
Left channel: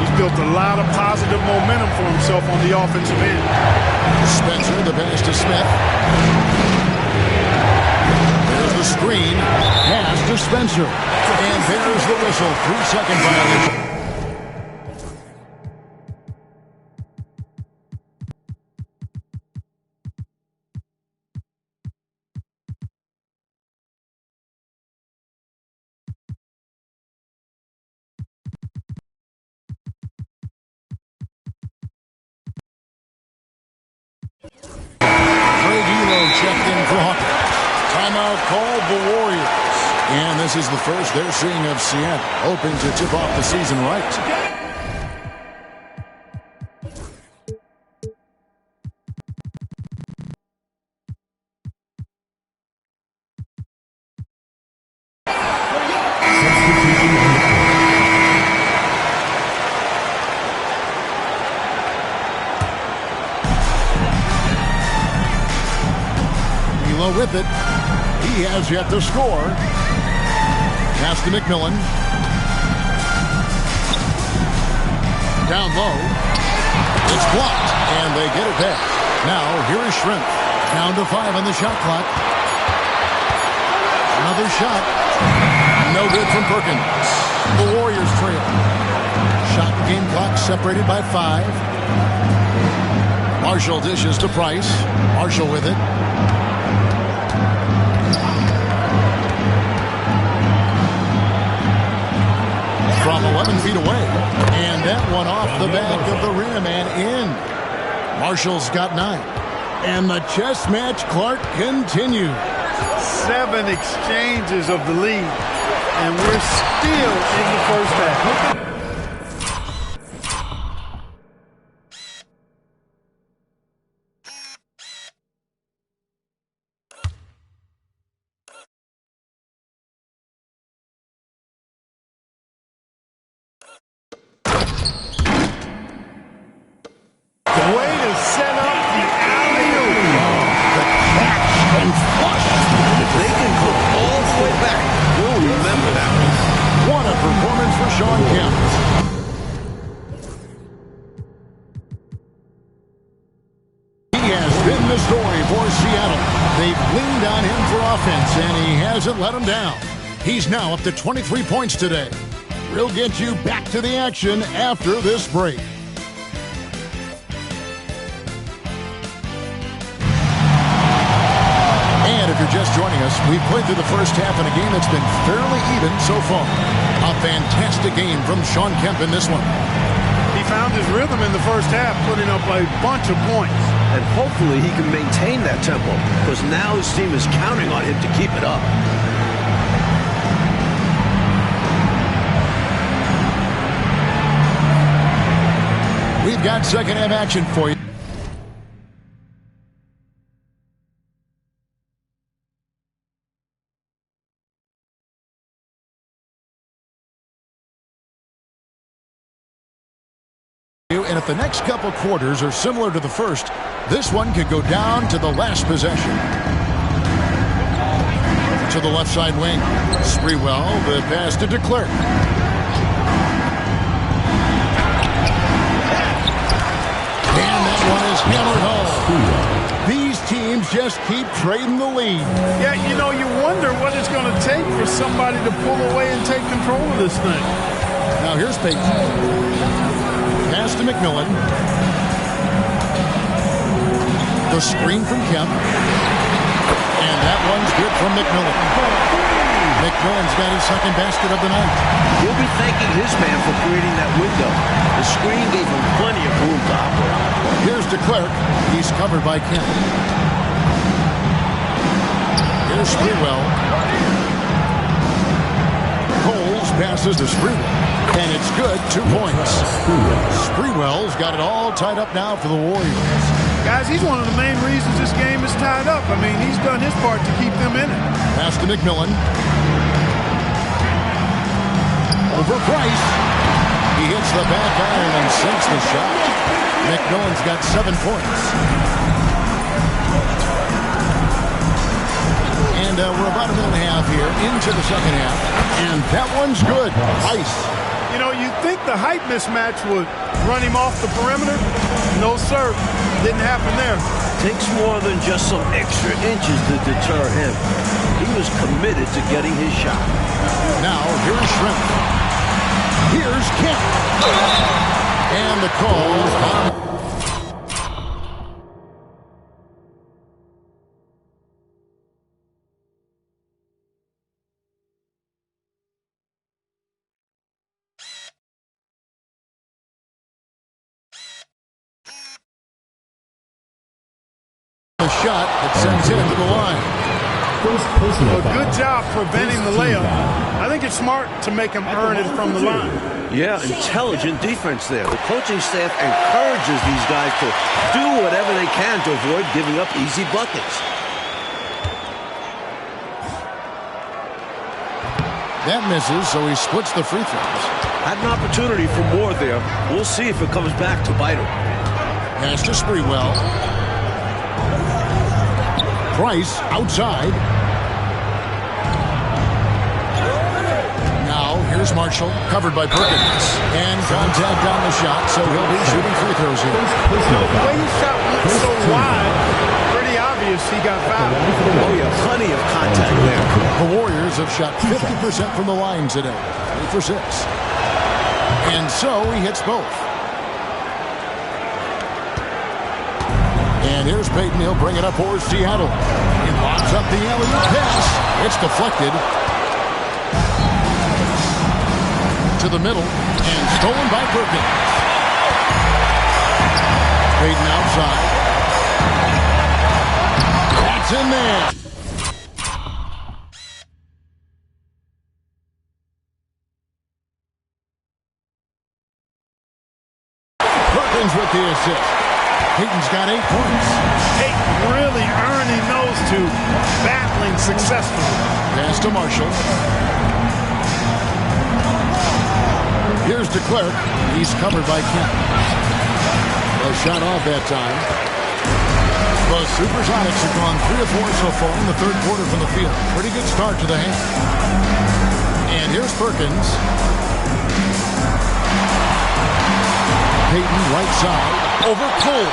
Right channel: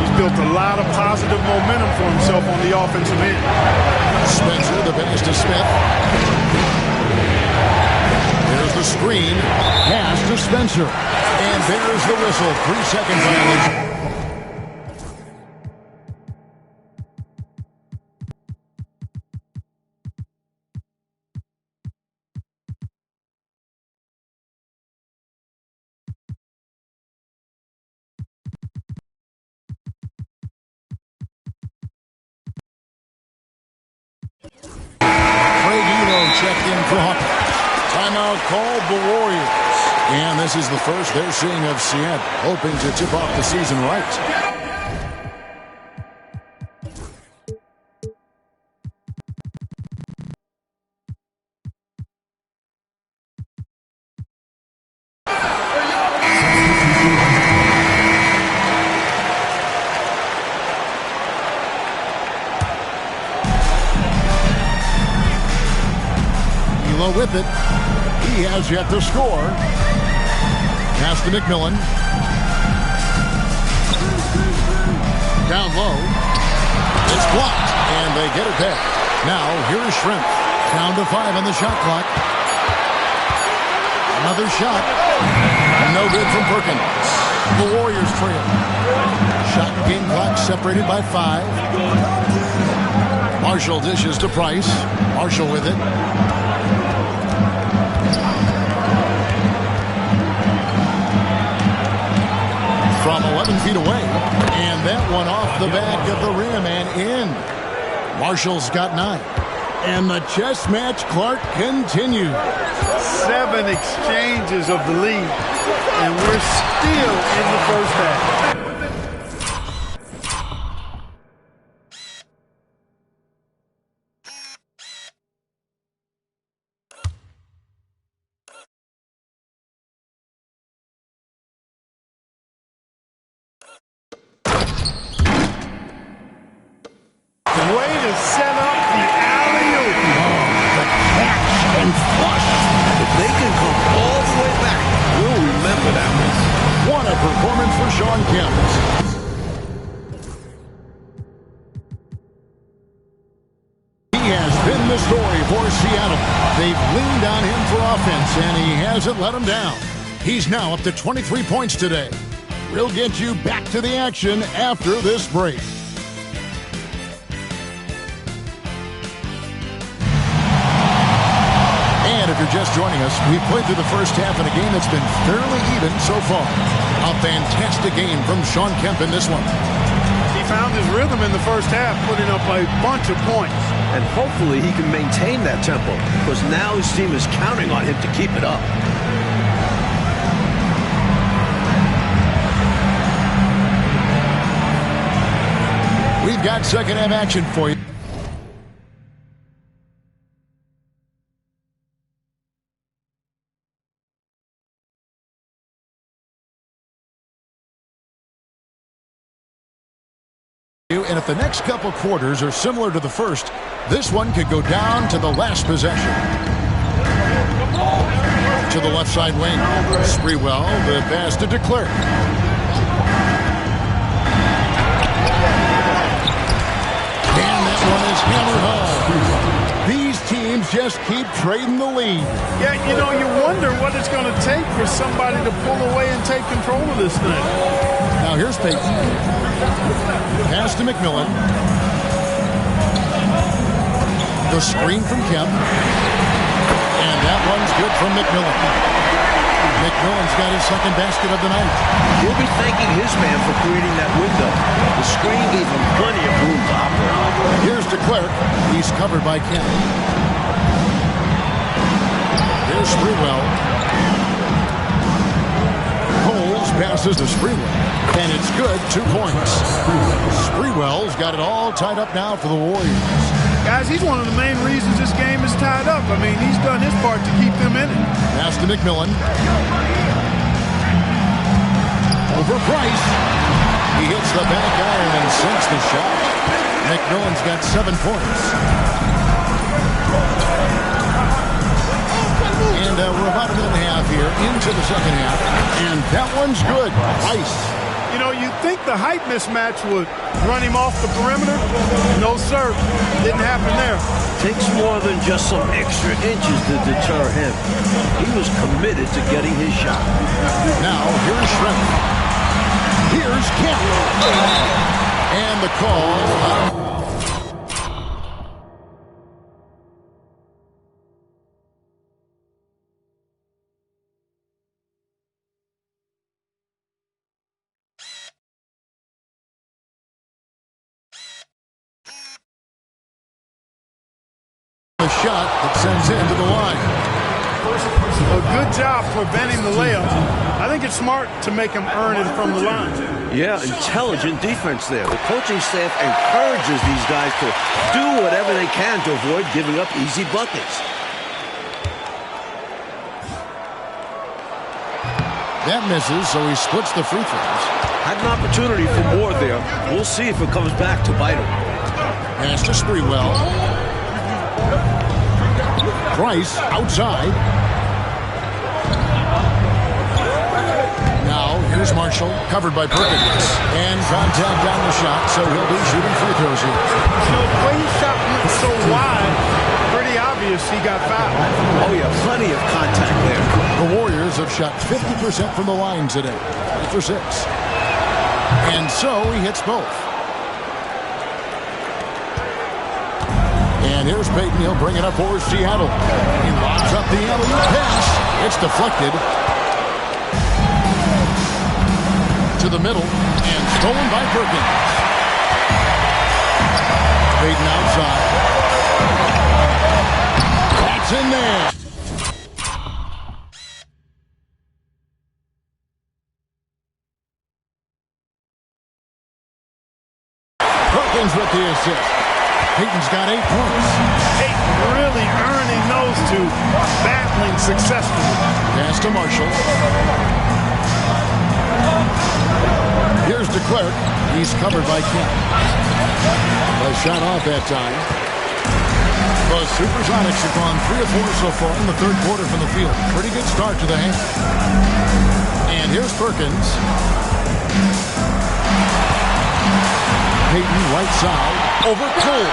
He's built a lot of positive momentum for himself on the offensive end. Spencer, the pass to Smith. There's the screen. Pass to Spencer. And there's the whistle. 3-second violation. Checked in for Hawkins. Timeout called the Warriors. And this is the first they're seeing of Seattle, hoping to tip off the season right. With it. He has yet to score. Pass to McMillan. Down low. It's blocked, and they get it back. Now, here is Shrimp. Down to 5 on the shot clock. Another shot. No good from Perkins. The Warriors trail. Shot and game clock separated by 5. Marshall dishes to Price. Marshall with it. From 11 feet away. And that one off the back of the rim and in. Marshall's got 9. And the chess match, Clark, continues. 7 exchanges of the lead. And we're still in the first half. Way to set up the alley-oop. Oh, the catch and flush. If they can come all the way back, we'll remember that one. What a performance for Sean Kemp. He has been the story for Seattle. They've leaned on him for offense, and he hasn't let them down. He's now up to 23 points today. We'll get you back to the action after this break. And if you're just joining us, we've played through the first half in a game that's been fairly even so far. A fantastic game from Sean Kemp in this one. He found his rhythm in the first half, putting up a bunch of points. And hopefully he can maintain that tempo, because now his team is counting on him to keep it up. We've got second half action for you. and if the next couple quarters are similar to the first, this one could go down to the last possession. To the left side wing. Sprewell, the pass to DeClerc. And that one is hammered home. These teams just keep trading the lead. Yeah, you know, you wonder what it's going to take for somebody to pull away and take control of this thing. Now here's Peyton. Pass to McMillan. The screen from Kemp. And that one's good from McMillan. McMillan's got his second basket of the night. He'll be thanking his man for creating that window. The screen gave him plenty of room to operate. Here's DeClerc. He's covered by Kemp. Here's Sprewell. Coles passes to Sprewell. And it's good, 2 points. Sprewell's got it all tied up now for the Warriors. Guys, he's one of the main reasons this game is tied up. I mean, he's done his part to keep them in it. Pass to McMillan. Over Price. He hits the back iron and sinks the shot. McMillan's got 7 points. And we're about a minute and a half here into the second half. And that one's good. Price. You know, you'd think the height mismatch would run him off the perimeter. No, sir. Didn't happen there. Takes more than just some extra inches to deter him. He was committed to getting his shot. Now, here's Shrimp. Here's Kemp. And the call on... the shot that sends him to the line. A good job preventing the layup. I think it's smart to make him earn it from the line. Yeah, intelligent defense there. The coaching staff encourages these guys to do whatever they can to avoid giving up easy buckets. That misses, so he splits the free throws. Had an opportunity for more there. We'll see if it comes back to bite him. Pass to Sprewell. Price outside. Now here's Marshall, covered by Perkins. And contact on the shot, so he'll be shooting free throws here. You know, the way his shot went so wide, pretty obvious he got fouled. Oh, yeah, plenty of contact there. The Warriors have shot 50% from the line today. 3 for 6. And so he hits both. And here's Peyton. He'll bring it up for Seattle. He lobs up the alley-oop pass. It's deflected to the middle and stolen by Perkins. Peyton outside. That's in there. Perkins with the assist. Peyton's got 8 points. Peyton really earning those two, battling successfully. Pass to Marshall. Here's DeClerc. He's covered by Kemp. A shot off that time. The Supersonics have gone 3 of 4 so far in the third quarter from the field. Pretty good start to the half. And here's Perkins. Peyton right side. Over Cole.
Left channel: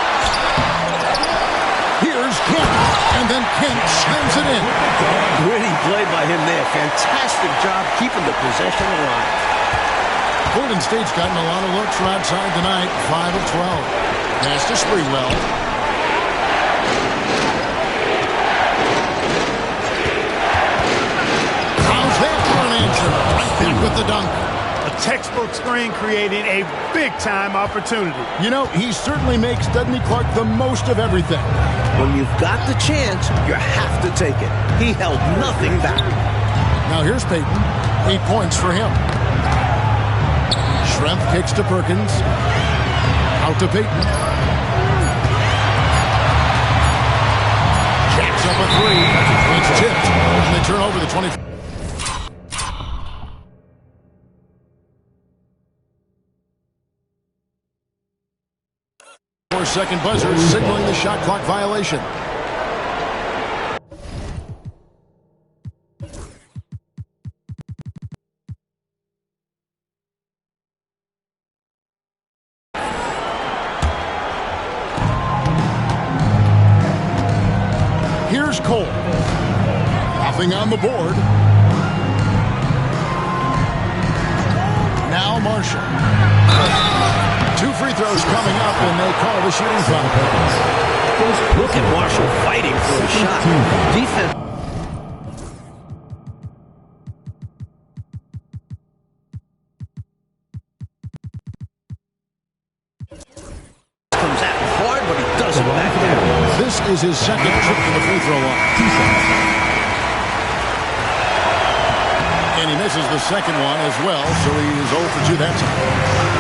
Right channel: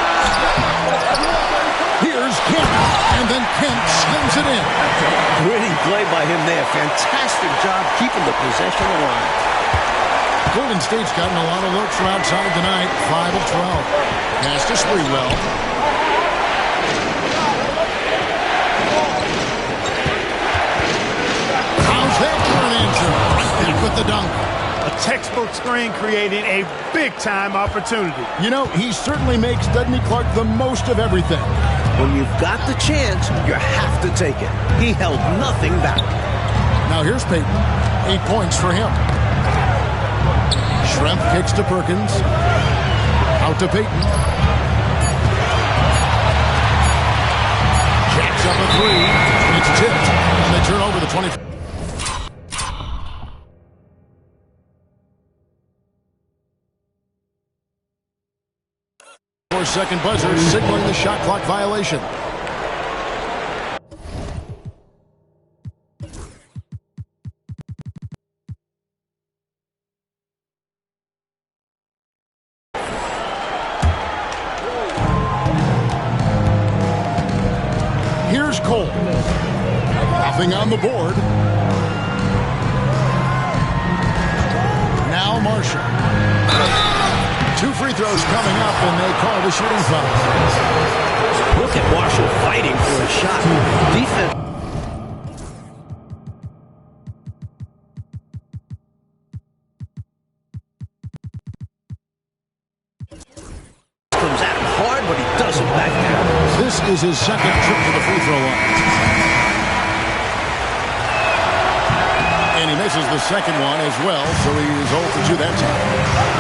Here's Kemp. And then Kemp slams it in. Gritty play by him there. Fantastic job keeping the possession alive. Golden State's gotten a lot of looks from outside tonight. 5 of 12. Pass to Sprewell. How's that for an answer? Right back with the dunk. A textbook screen creating a big-time opportunity. You know, he certainly makes Dudley Clark the most of everything. When you've got the chance, you have to take it. He held nothing back. Now here's Peyton. 8 points for him. Schrempf kicks to Perkins. Out to Peyton. Jacks up a 3. It's tipped. And they turn over the 20. 4-second buzzer signaling the shot clock violation. Here's Cole. Nothing on the board. Now Marshall. 2 free throws coming up, and they call the shooting foul. Look at Marshall fighting for a shot. Defense. Comes at him hard, but he doesn't back down. This is his second trip to the free throw line. And he misses the second one as well, so he is 0 for 2 that time.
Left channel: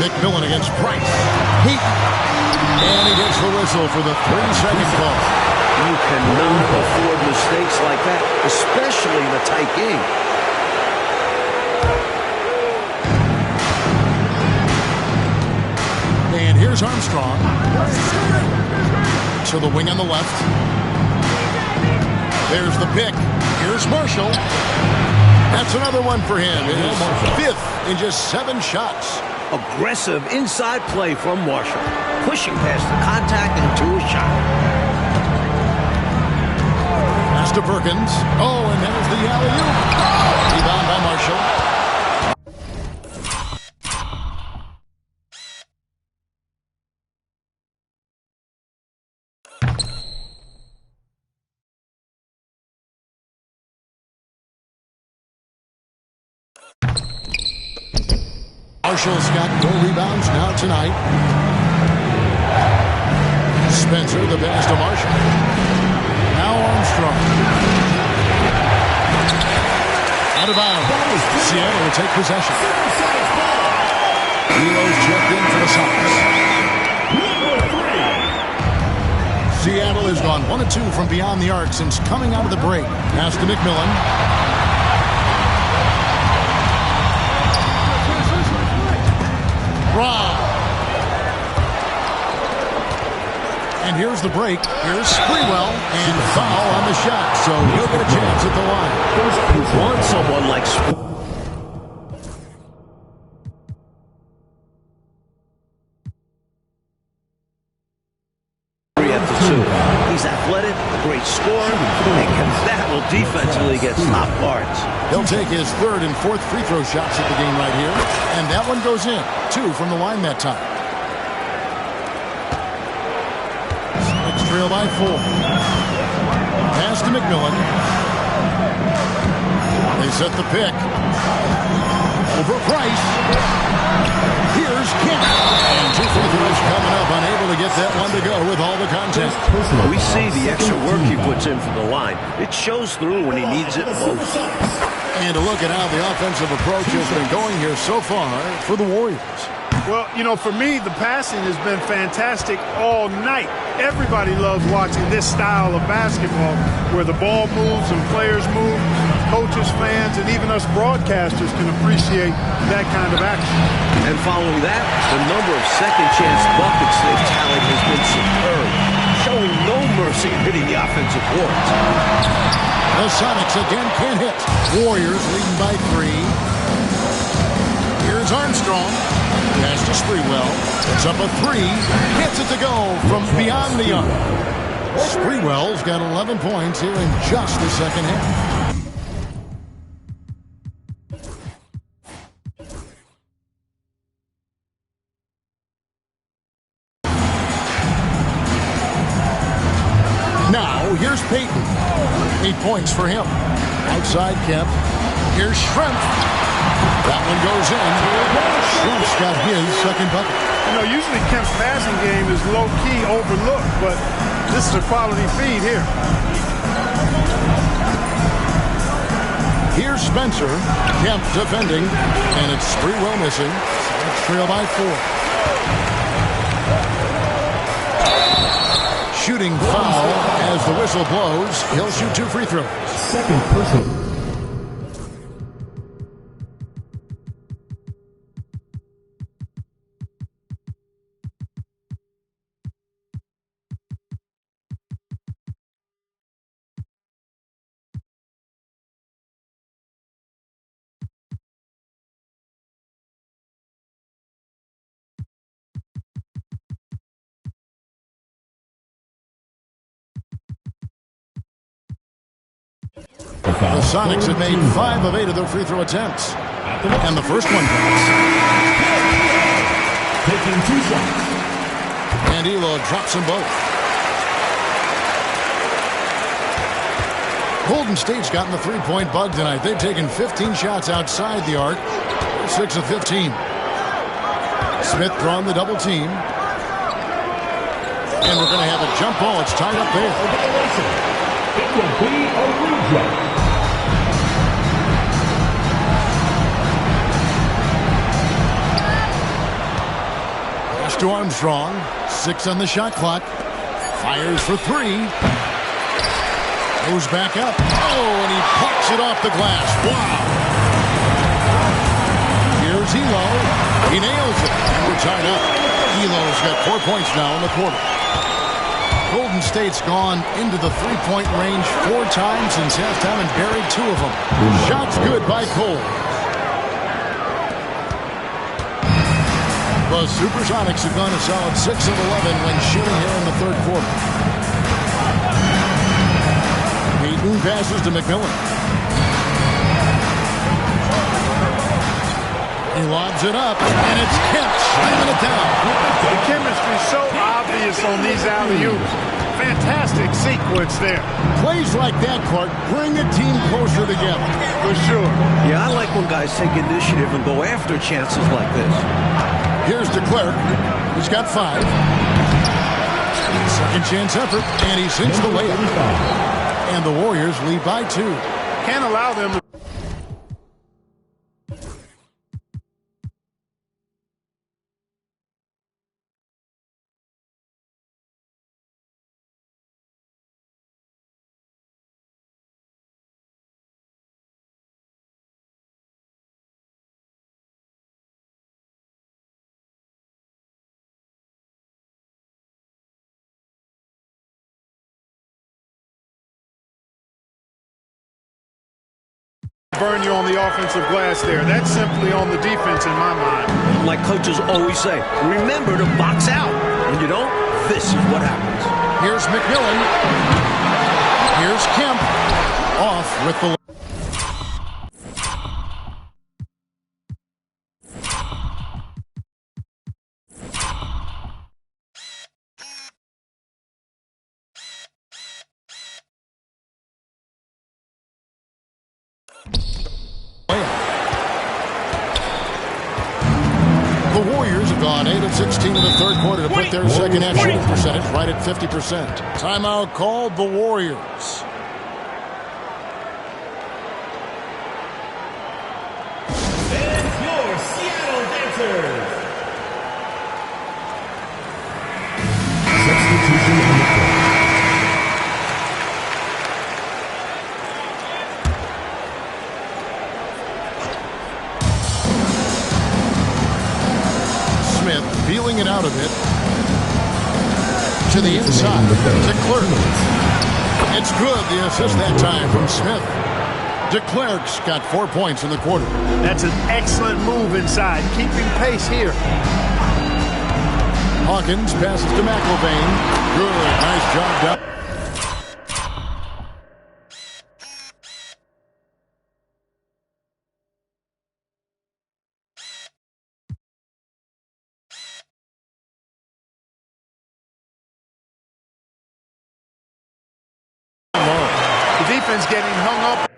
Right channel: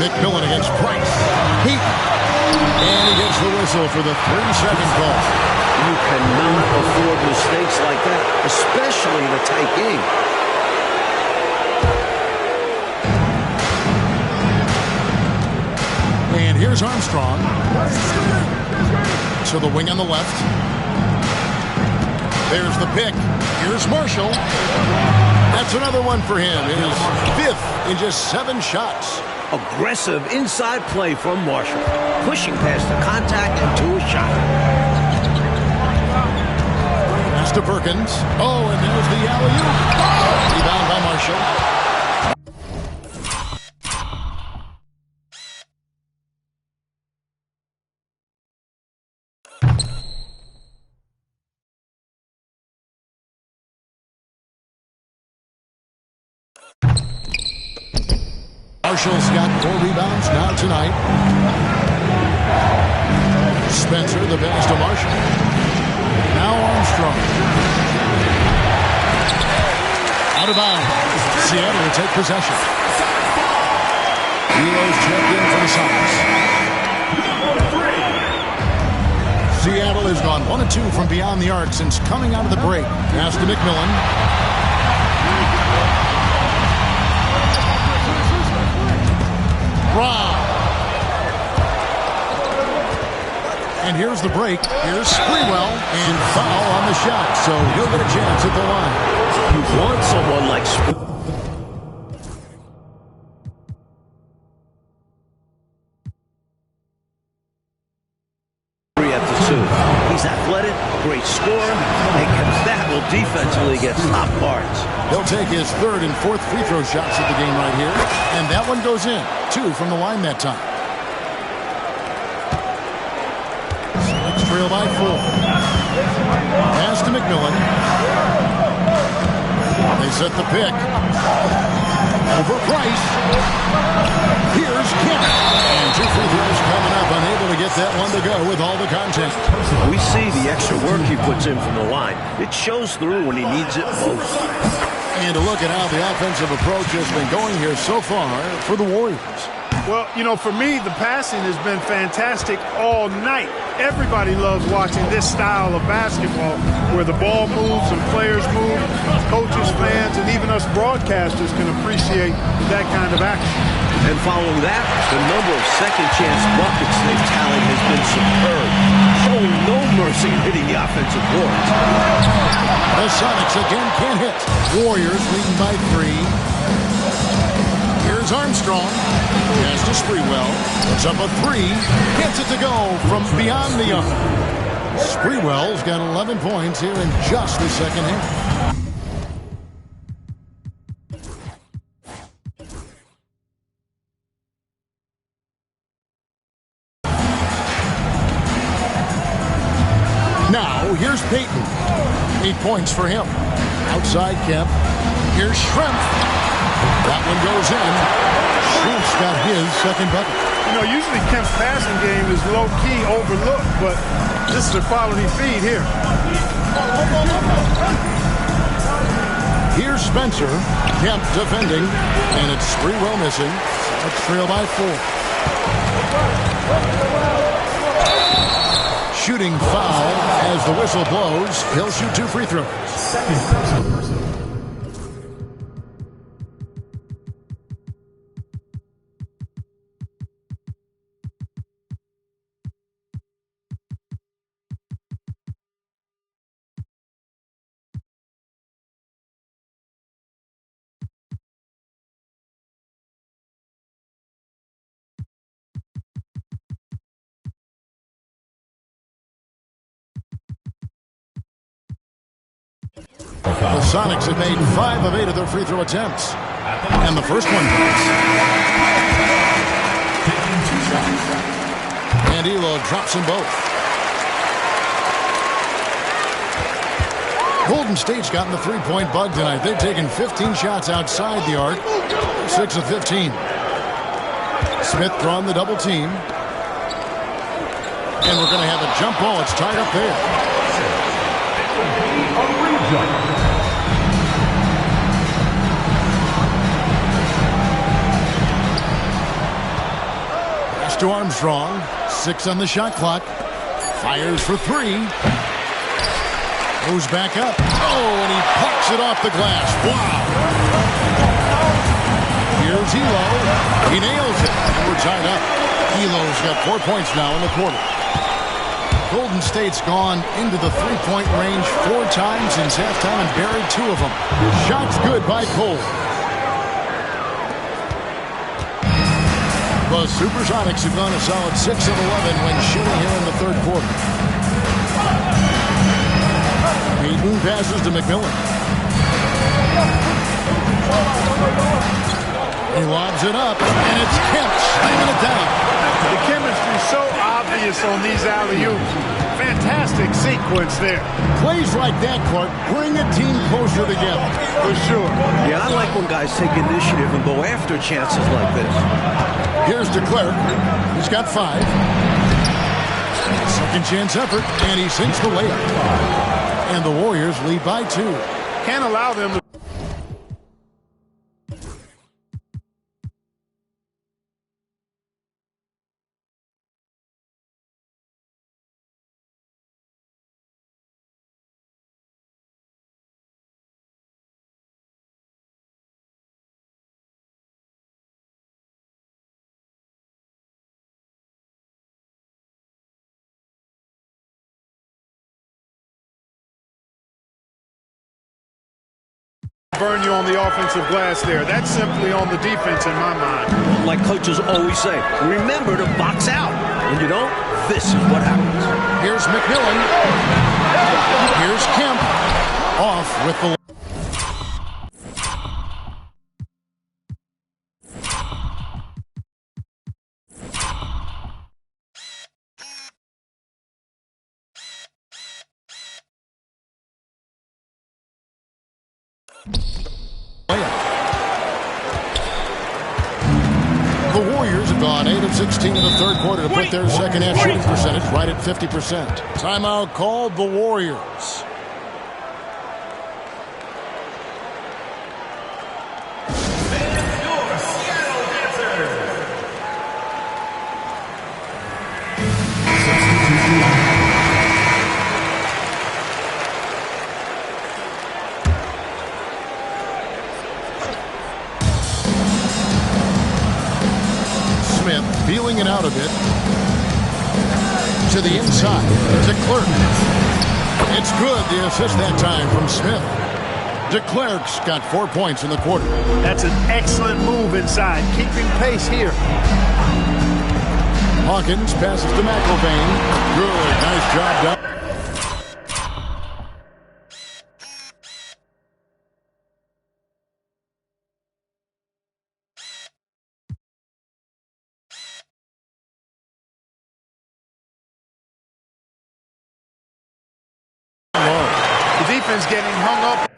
McMillan against Price. And he gets the whistle for the 3-second call. You cannot afford mistakes like that, especially in a tight game. And here's Armstrong. To the wing on the left. There's the pick. Here's Marshall. That's another one for him. His 5th in just 7 shots. Aggressive inside play from Marshall. Pushing past the contact into a shot. Pass to Perkins. Oh, and there's the alley-oop. Rebound by Marshall. Marshall's got 4 rebounds now tonight. Spencer, the pass to Marshall. Now Armstrong. Out of bounds. Seattle will take possession. Heroes checked in for the Sox. Seattle has gone 1 of 2 from beyond the arc since coming out of the break. Pass to McMillan. Rob. And here's the break. Here's Sprewell. And foul on the shot, so he'll get a chance at the line. You want someone like Sprewell at the 2. He's athletic, a great scorer, and can battle defensively against top guards. He'll take his 3rd and 4th free throw shots at the game right here. And that one goes in. 2 from the line that time. Celtics trail by 4. Pass to McMillan. They set the pick. Over Price. Here's Kemp. And 2 free throws coming up. Unable to get that one to go with all the contact. We see the extra work he puts in from the line. It shows through when he needs it most. And to look at how the offensive approach has been going here so far for the Warriors. Well, you know, for me, the passing has been fantastic all night. Everybody loves watching this style of basketball where the ball moves and players move. Coaches, fans, and even us broadcasters can appreciate that kind of action. And following that, the number of second-chance buckets they've tallied has been superb, showing no mercy in hitting the offensive boards. The Sonics again can't hit. Warriors leading by 3. Here's Armstrong. Pass to Sprewell. Puts up a 3. Gets it to go from beyond the arc. Sprewell's got 11 points here in just the second half. Now, here's Payton. 8 points for him. Outside Kemp. Here's Schrempf. That one goes in. Schrempf's got his second bucket. You know, usually Kemp's passing game is low-key overlooked, but this is a quality feed here. Here's Spencer. Kemp defending. And it's Sprewell missing. Sox trail by 4. Shooting foul as the whistle blows. He'll shoot 2 free throws. Second personal. The Sonics have made 5 of 8 of their free throw attempts. And the first one drops. Taking 2 shots. And Elo drops them both. Golden State's gotten the three-point bug tonight. They've taken 15 shots outside the arc. 6 of 15. Smith drawing the double team. And we're going to have a jump ball. It's tied up there. It will be a rejump. Pass to Armstrong. 6 on the shot clock. Fires for 3. Goes back up. Oh, and he parks it off the glass. Wow. Here's Elo. He nails it. And we're tied up. Elo's got 4 points now in the quarter. Golden State's gone into the three-point range 4 times since halftime and buried 2 of them. Shots good by Cole. The Supersonics have gone a solid 6 of 11 when shooting here in the third quarter. Payton passes to McMillan. He lobs it up, and it's Kemp slamming it down. The chemistry is so obvious on these alley-oops. Fantastic sequence there. Plays like that, Clark, bring a team closer together. For sure. Yeah, I like when guys take initiative and go after chances like this. Here's DeClerc. He's got 5. Second chance effort, and he sinks the layup. And the Warriors lead by 2. Can't allow them to... burn you on the offensive glass there. That's simply on the defense in my mind. Like coaches always say, remember to box out. When you don't, this is what happens. Here's McMillan. Here's Kemp. Off with the... The Warriors have gone 8 of 16 in the third quarter to put their second half shooting percentage right at 50%. Timeout called the Warriors. And your Seattle Dancers. Substitution on the court. Smith feeling it out a bit. To the inside. DeClerc. It's good. The assist that time from Smith. DeClerc's got 4 points in the quarter. That's an excellent move inside. Keeping pace here. Hawkins passes to McIlvaine. Good. Nice job down. The defense getting hung up.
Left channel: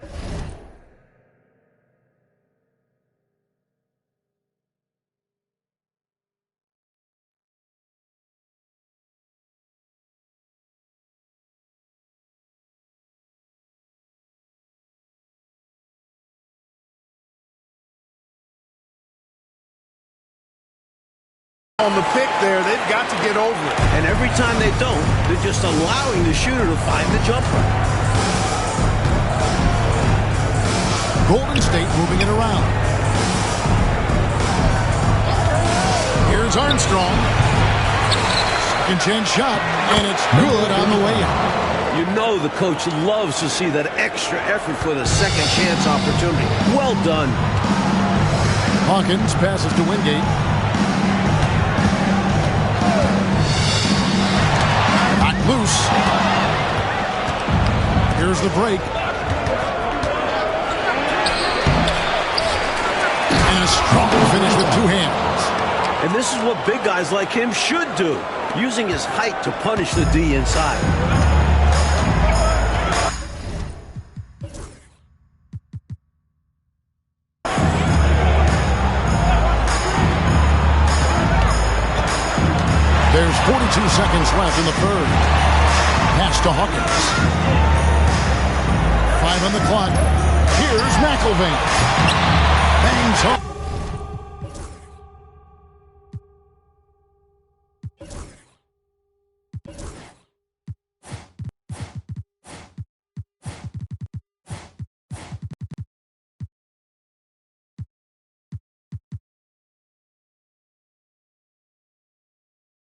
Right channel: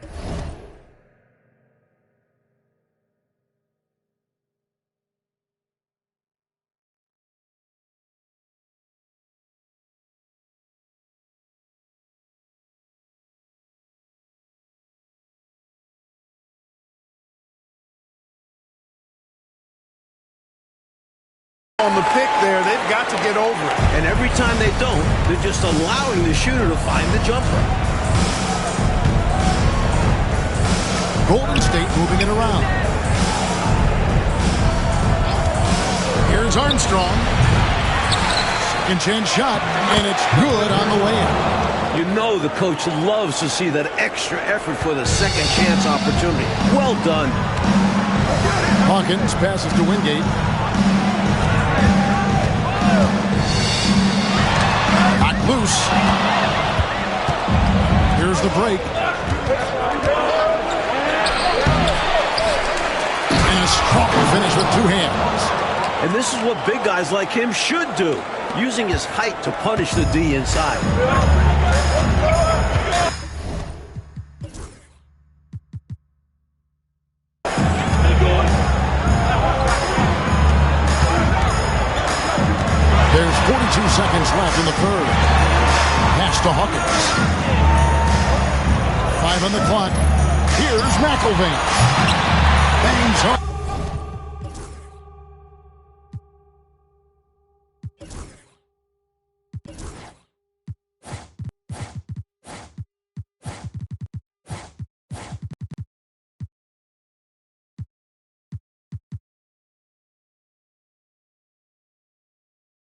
On the pick there, they've got to get over it. And every time they don't, they're just allowing the shooter to find the jumper. Golden State moving it around. Here's Armstrong. Second chance shot, and it's good on the layup. You know the coach loves to see that extra effort for the second chance opportunity. Well done. Hawkins passes to Wingate. Knocked loose. Here's the break. strong finish with two hands. And this is what big guys like him should do, using his height to punish the D inside. There's 42 seconds left in the third. Pass to Hawkins. 5 on the clock. Here's McElvain. Bangs home.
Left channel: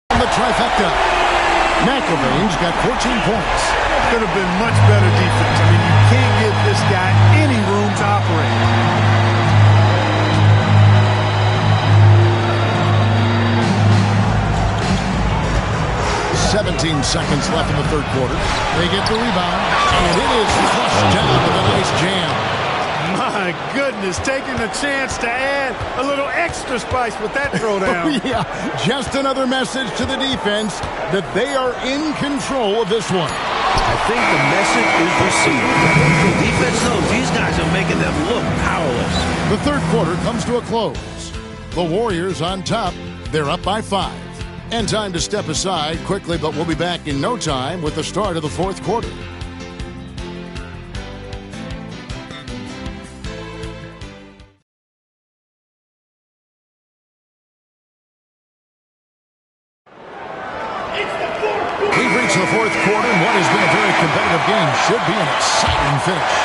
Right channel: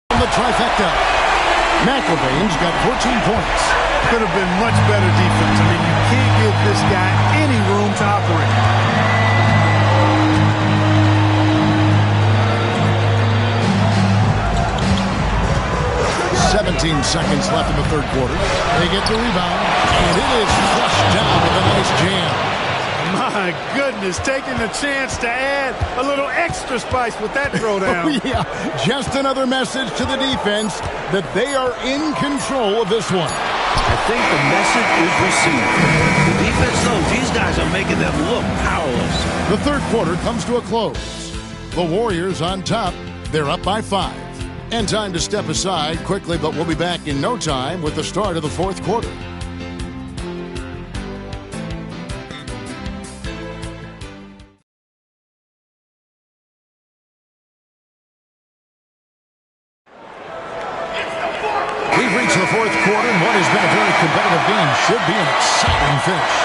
The trifecta. McElvain's got 14 points. Could have been much better defense. I mean, you can't give this guy any room to operate. 17 seconds left in the third quarter. They get the rebound, and it is flushed down with a nice jam. My goodness, taking the chance to add a little extra spice with that throwdown. Yeah, just another message to the defense that they are in control of this one. I think the message is received. The defense knows these guys are making them look powerless. The third quarter comes to a close. The Warriors on top. They're up by 5. And time to step aside quickly, but we'll be back in no time with the start of the fourth quarter. We've reached the fourth quarter, and what has been a very competitive game should be an exciting finish.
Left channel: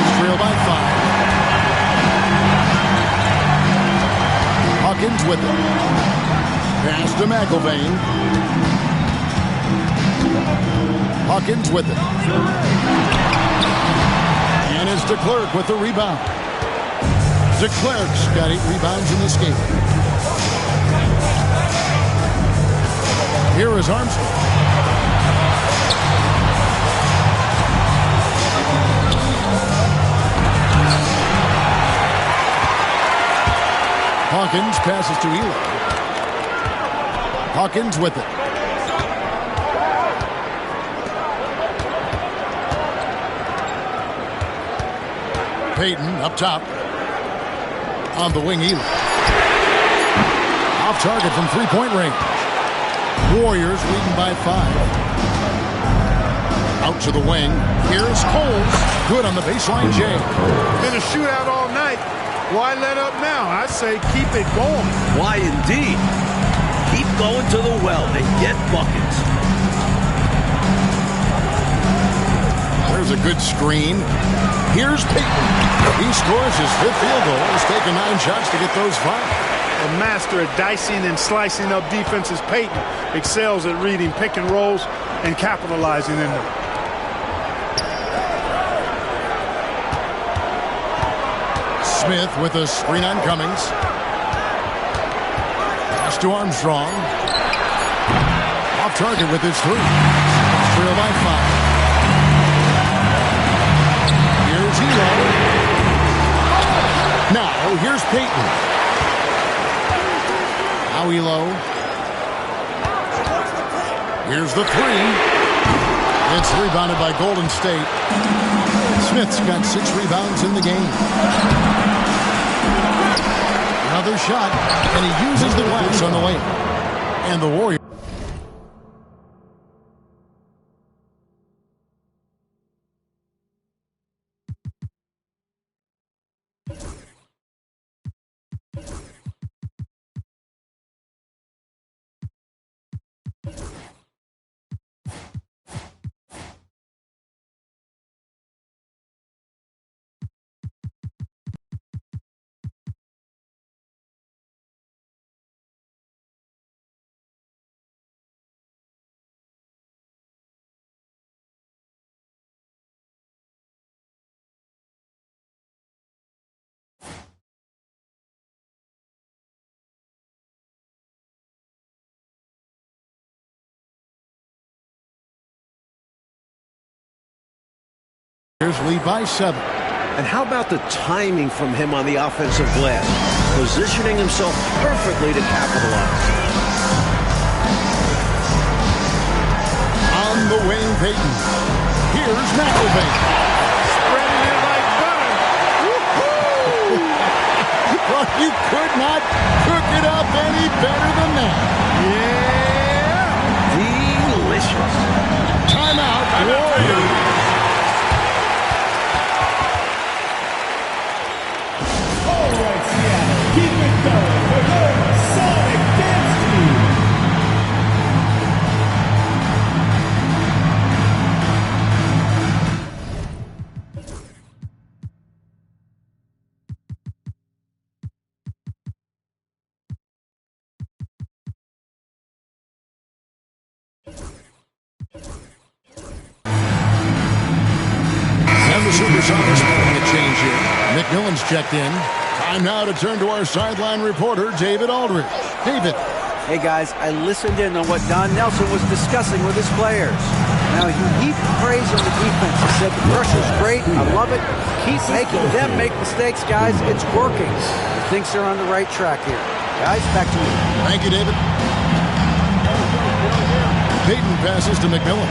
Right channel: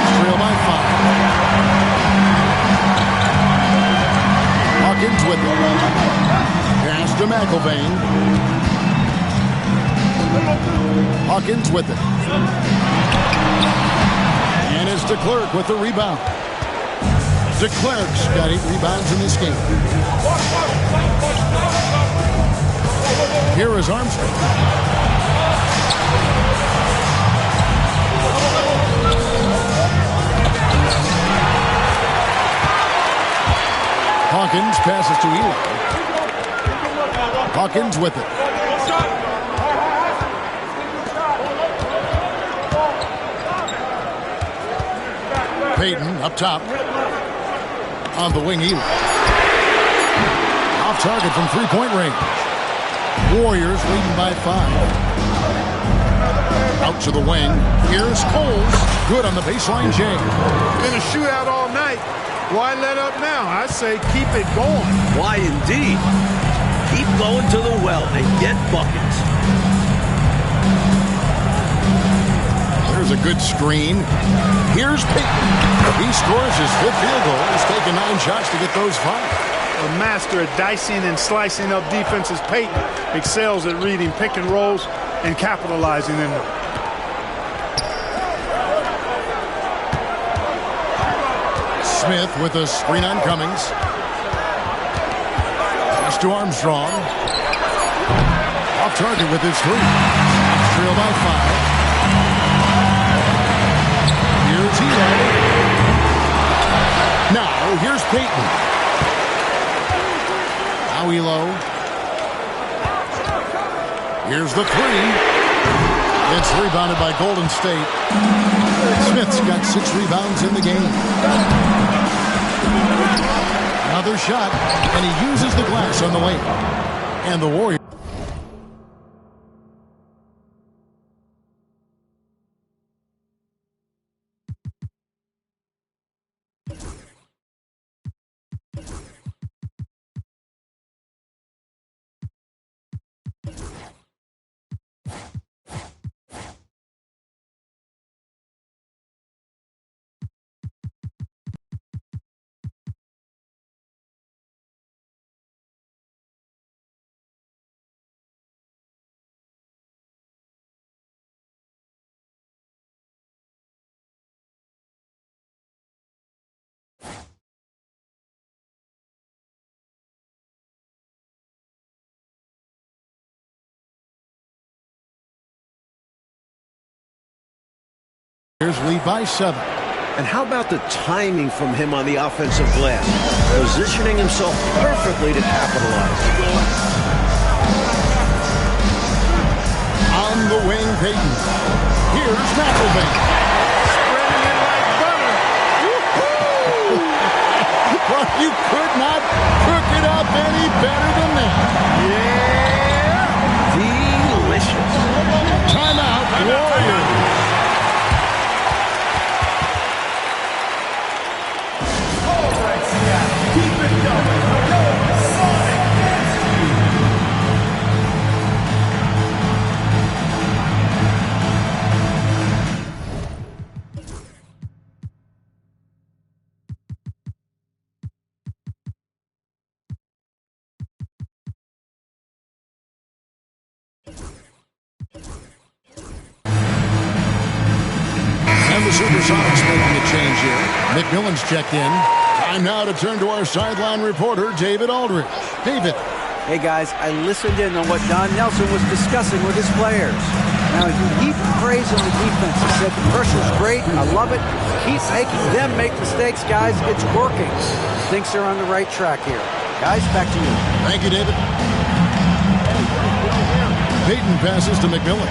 It's trailed by 5. Hawkins with it. Pass to McElvain. Hawkins with it. And it's DeClerc with the rebound. DeClerc's got 8 rebounds in this game. Here is Armstrong. Hawkins passes to Eli. Hawkins with it. Payton up top. On the wing, Eli. Off target from three-point range. Warriors leading by 5. Out to the wing. Here's Coles. Good on the baseline jam. Been a shootout all night. Why let up now? I say keep it going. Why indeed? Keep going to the well and get buckets. There's a good screen. Here's Payton. He scores his 5th field goal. He's taken 9 shots to get those 5. A master at dicing and slicing up defenses, Payton excels at reading pick and rolls and capitalizing in them. Smith with a screen on Cummings. Pass to Armstrong. Off target with his 3. It's trailed by 5. Here's Elo. Now, here's Payton. Now Elo. Here's the 3. It's rebounded by Golden State. Smith's got 6 rebounds in the game. Another shot, and he uses the glass on the way. And the Warriors. Lead by 7. And how about the timing from him on the offensive glass? Positioning himself perfectly to capitalize. On the wing, Payton. Here's McElvain. Spreading it like butter. Woo-hoo! Well, you could not cook it up any better than that. Yeah! Delicious. Timeout, Warriors. Keep it going. We're going Sonic Dance Team. And the Supersonics making a change here. McMillan's checked in. Time now to turn to our sideline reporter, David Aldridge. David. Hey, guys, I listened in on what Don Nelson was discussing with his players. Now, he heaped praise on the defense. He said the pressure's great. I love it. Keep making them make mistakes, guys. It's working. He thinks they're on the right track here. Guys, back to you. Thank you, David. Payton passes to McMillan.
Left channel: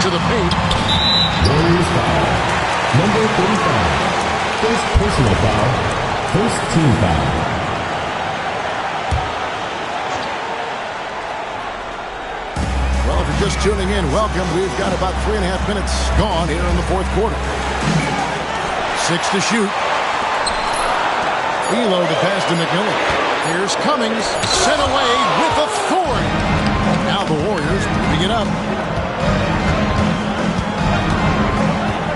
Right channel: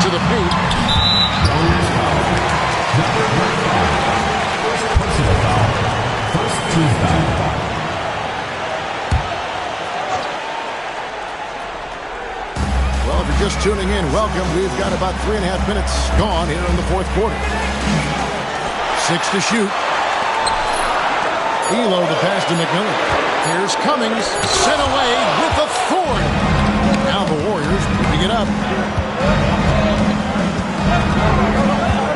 To the paint. Warriors foul. Number 35. First personal foul. First team foul. Well, if you're just tuning in, welcome. We've got about 3.5 minutes gone here in the fourth quarter. 6 to shoot. Elo to pass to McMillan. Here's Cummings, sent away with authority. Now the Warriors moving it up.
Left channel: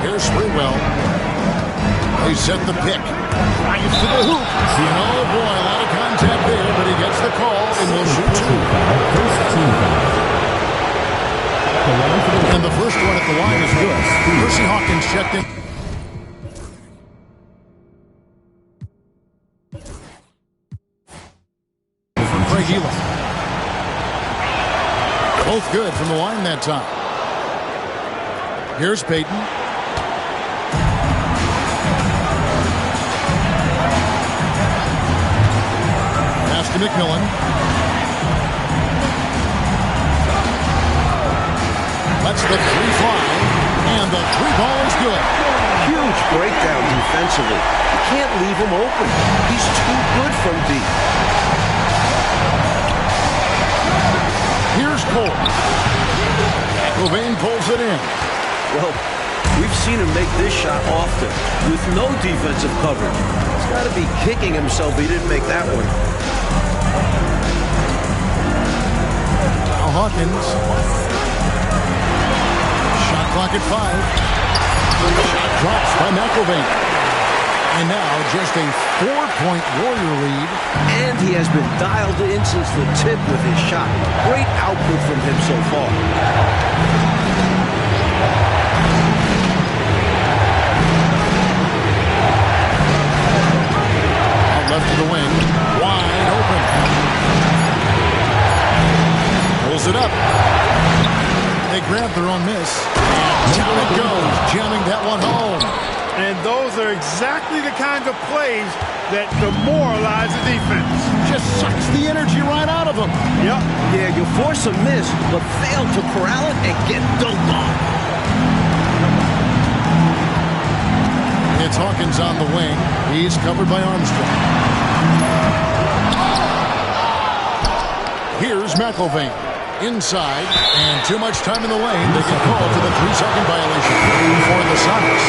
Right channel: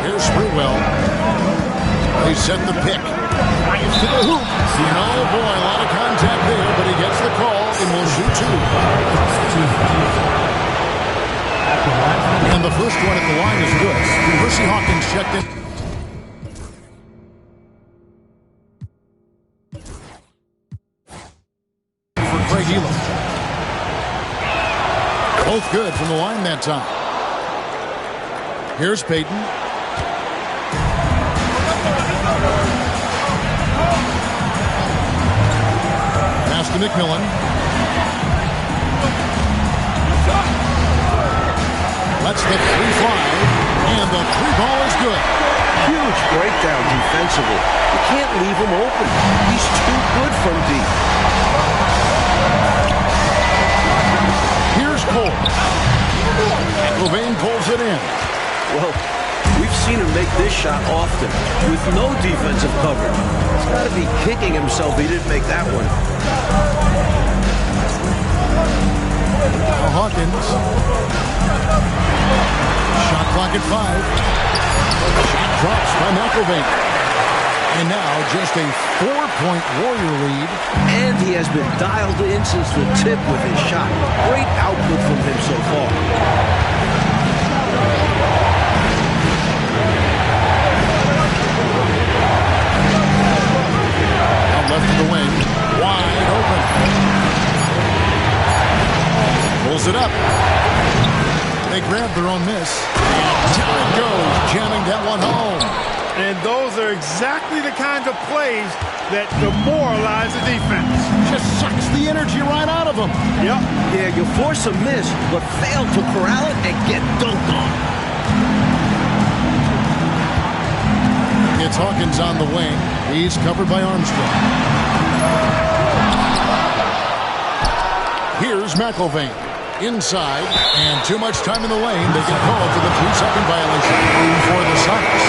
Here's Sprewell. They set the pick. Drives to the hoop. And oh boy, a lot of contact there, but he gets the call and will shoot 2. First team foul. And the first one at the line is good. Percy Hawkins checked in. For Craig Elo. Both good from the line that time. Here's Payton. Pass to McMillan. Lets the 3 fly, and the 3 ball is good. Huge breakdown defensively. You can't leave him open. He's too good from deep. Here's Cole. McElvain pulls it in. Well, we've seen him make this shot often with no defensive coverage. He's got to be kicking himself he didn't make that one. Now Hawkins. Shot clock at 5. Shot drops by McElvain. And now just a 4-point Warrior lead. And he has been dialed in since the tip with his shot. Great output from him so far. Out left to the wing. Wide open. Pulls it up. They grab their own miss. And down it goes, jamming that one home. And those are exactly the kinds of plays that demoralize the defense. Just sucks the energy right out of them. Yep. Yeah, you force a miss, but fail to corral it and get dunked on. It's Hawkins on the wing. He's covered by Armstrong. Here's McElvain. Inside, and too much time in the lane. They get called for the 3-second violation for the Sonics.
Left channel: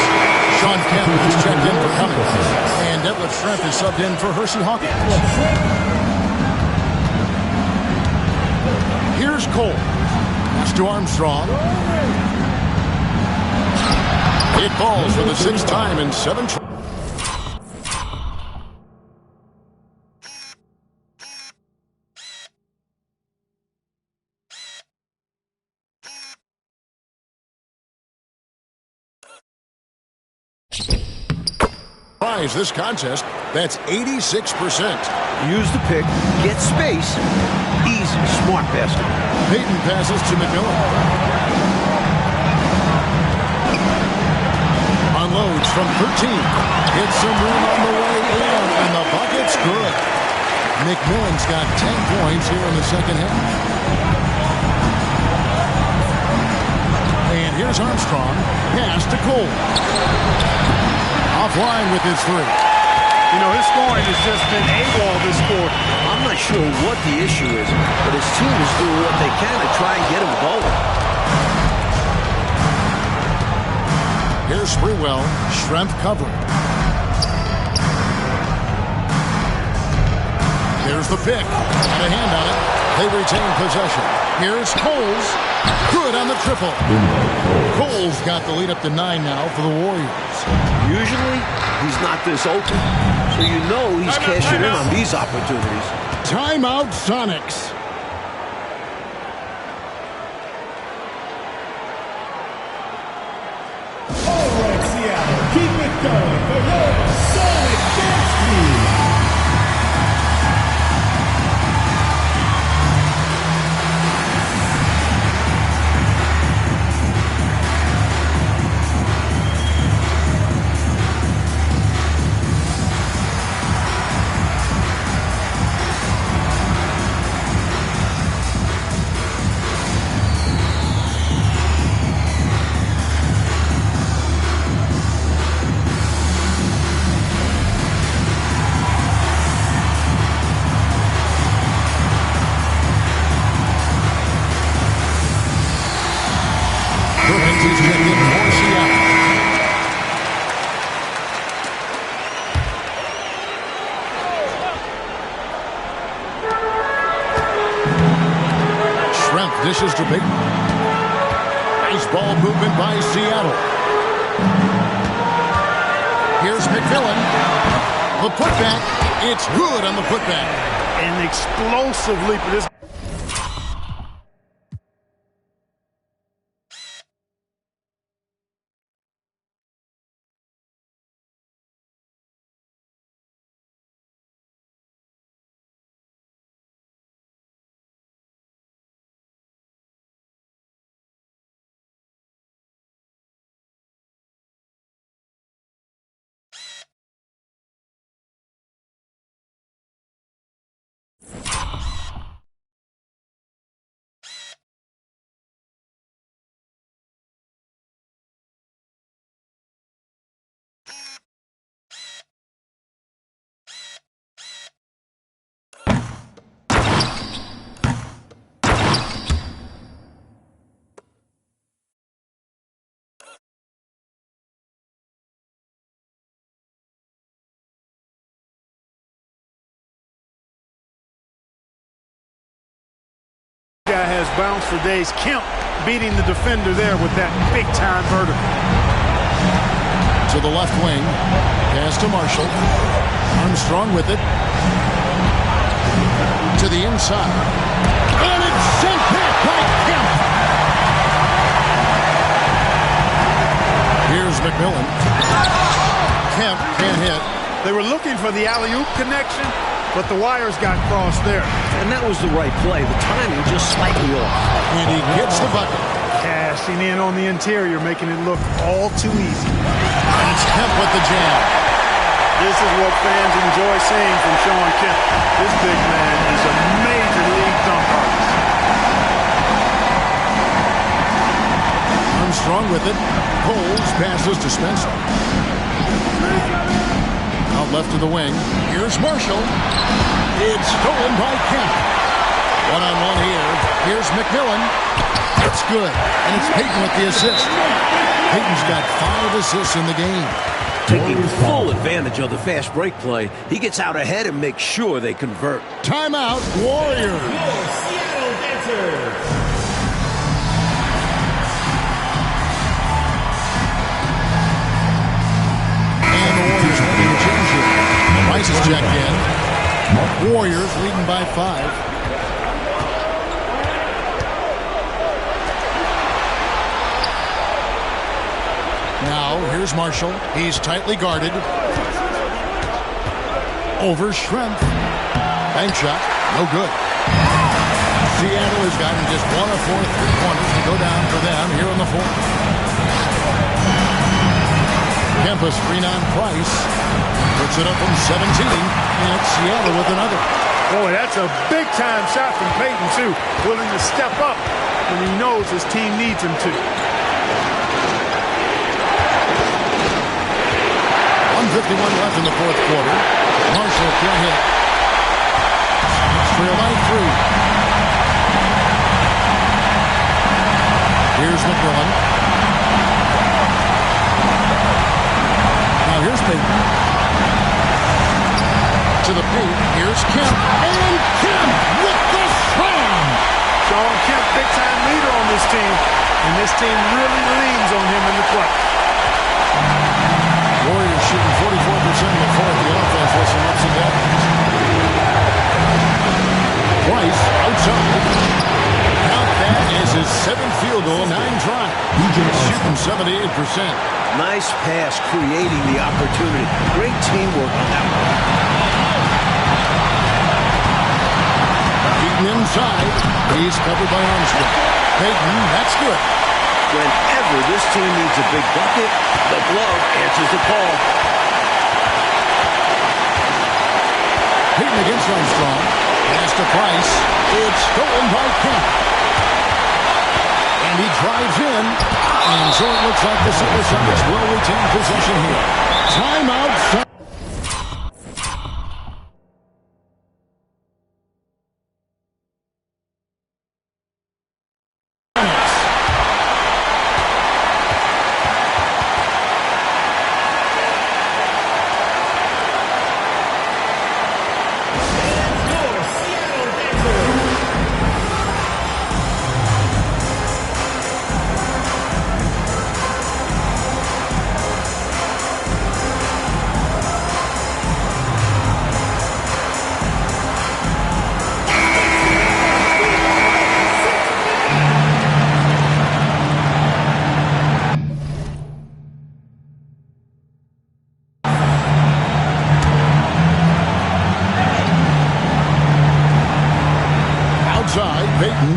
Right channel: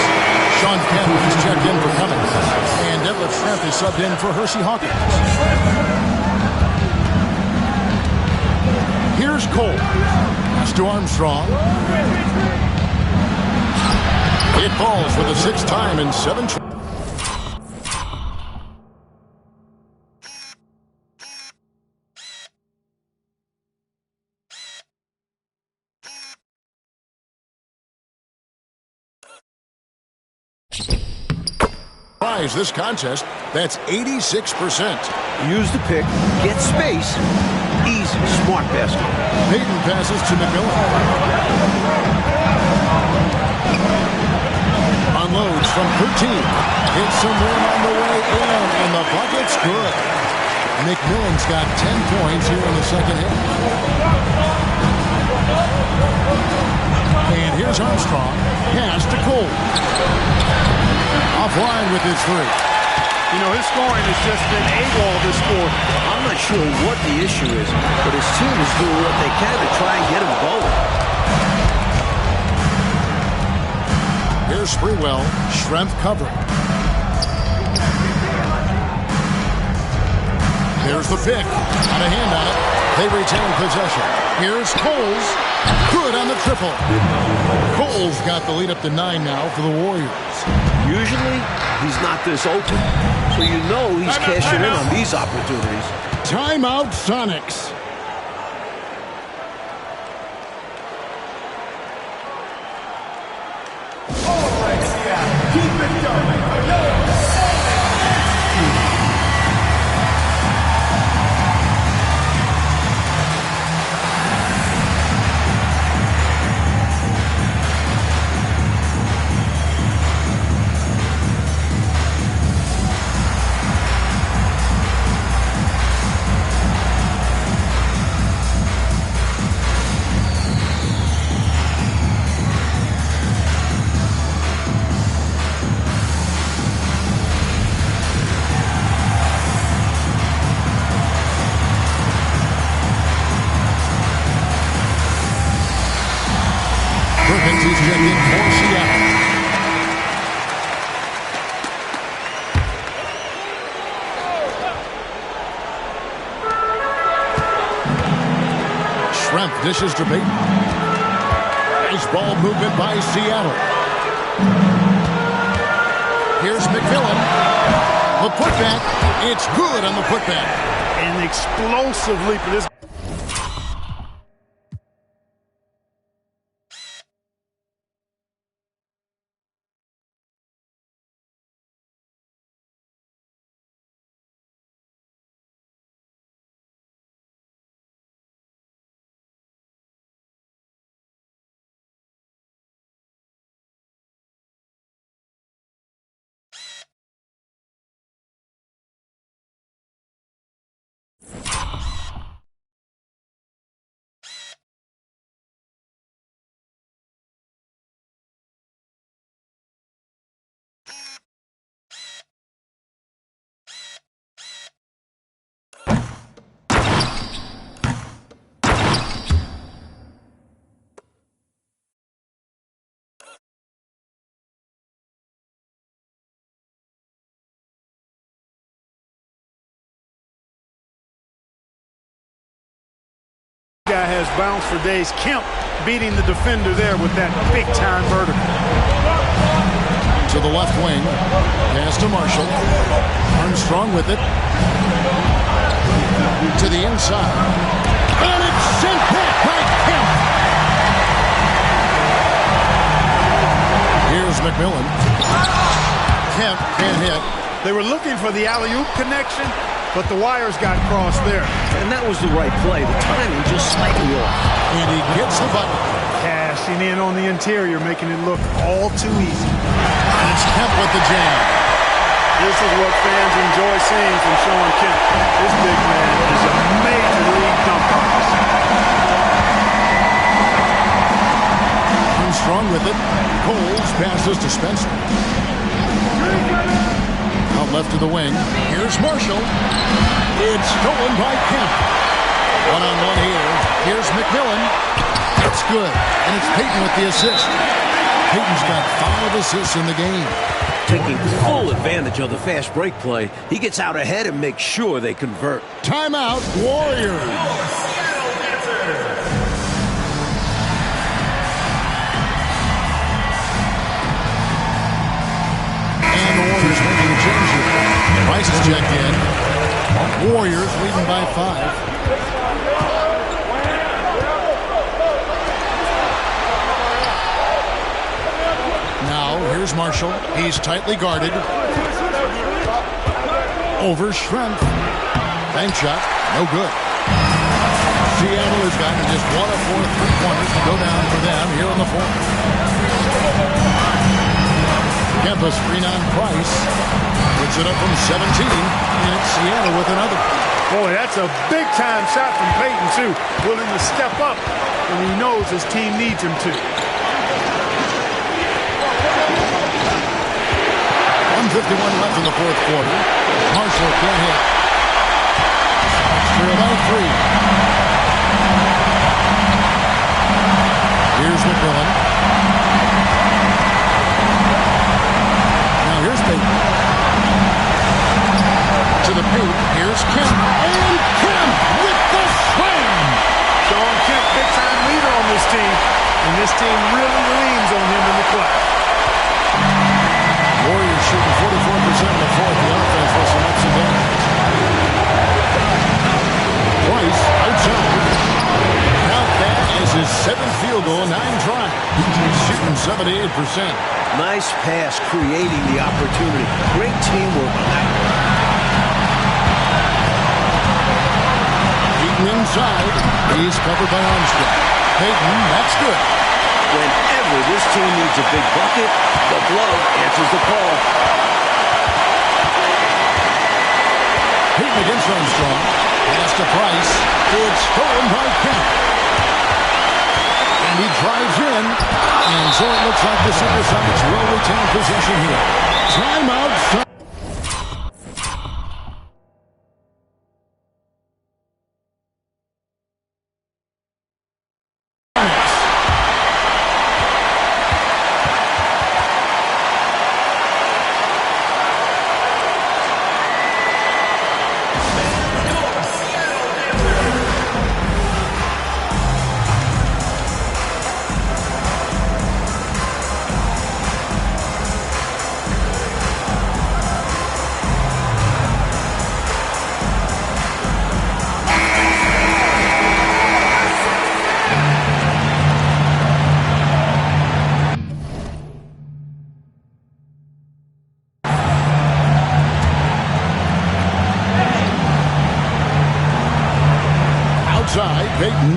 Sean Kemp is checked in for Cummings, and Detlef Schrempf is subbed in for Percy Hawkins. Here's Cole. Pass to Armstrong. It falls for the 6th time in 7 tries. This contest, that's 86%. Use the pick, get space, easy, smart basket. Payton passes to McMillan. from 13. Hits some rim on the way in, and the bucket's good. McMillan's got 10 points here in the second half. And here's Armstrong. Pass to Cole. Offline with his three. You know, his scoring has just been AWOL this quarter. I'm not sure what the issue is, but his team is doing what they can to try and get him going. Here's Sprewell. Schrempf covering. There's the pick. Got a hand on it. They retain possession. Here's Coles. Good on the triple. Coles got the lead up to 9 now for the Warriors. Usually, he's not this open. So you know he's cashing in on these opportunities. Timeout, Sonics. Over Seattle. Keep it going for your Sonic Dance Team. He's checked in for Seattle. Schrempf dishes to Payton. Nice ball movement by Seattle. Here's McMillan. The putback. It's good on the putback. An explosive leaper. This guy has bounced for days. Kemp beating the defender there with that big-time vertical. To the left wing. Pass to Marshall. Armstrong with it. To the inside. And it's sent back by Kemp. Here's McMillan. Kemp can't hit. They were looking for the alley-oop connection, but the wires got crossed there. And that was the right play. The timing just slightly off. And he gets the bucket. Cashing in on the interior, making it look all too easy. And it's Kemp with the jam. This is what fans enjoy seeing from Shawn Kemp. This big man is a major league dunk artist. Armstrong with it. Coles passes to Spencer. Out left to the wing. Here's Marshall. It's stolen by Kemp. One-on-one here. Here's McMillan. That's good. And it's Payton with the assist. Payton's got 5 assists in the game. Taking full advantage of the fast break play, he gets out ahead and makes sure they convert. Timeout, Warriors. And the Warriors making a change here. Rice is checked in. Warriors leading by 5. Now, here's Marshall. He's tightly guarded. Over Schrempf. Bank shot. No good. Seattle has gotten just 1 of 4 3-pointers to go down for them here in the fourth. Kemp a screen on Price. Puts it up from 17, and it's Seattle with another. Boy, that's a big-time shot from Peyton, too. Willing to step up when he knows his team needs him to. 1:51 left in the fourth quarter. Marshall can't hit. Sonics trail by 3. Here's McMillan. Now here's Peyton. To the paint. Here's Kemp. And Kemp with the slam. Sean Kemp, big-time leader on this team. And this team really leans on him in the clutch. Warriors shooting 44% in the fourth. The offense with some ups and downs. Price outside. Count that as his 7th field goal, 9 tries. He's shooting 78%. Nice pass, creating the opportunity. Great teamwork on that one. Beaten inside. He's covered by Armstrong. Peyton, that's good. Whenever this team needs a big bucket, the glove answers the call. Peyton against Armstrong. Pass to Price. It's stolen by Kemp. And he drives in. And so it looks like the Supersonics will retain possession here. Timeout. Outside, Peyton.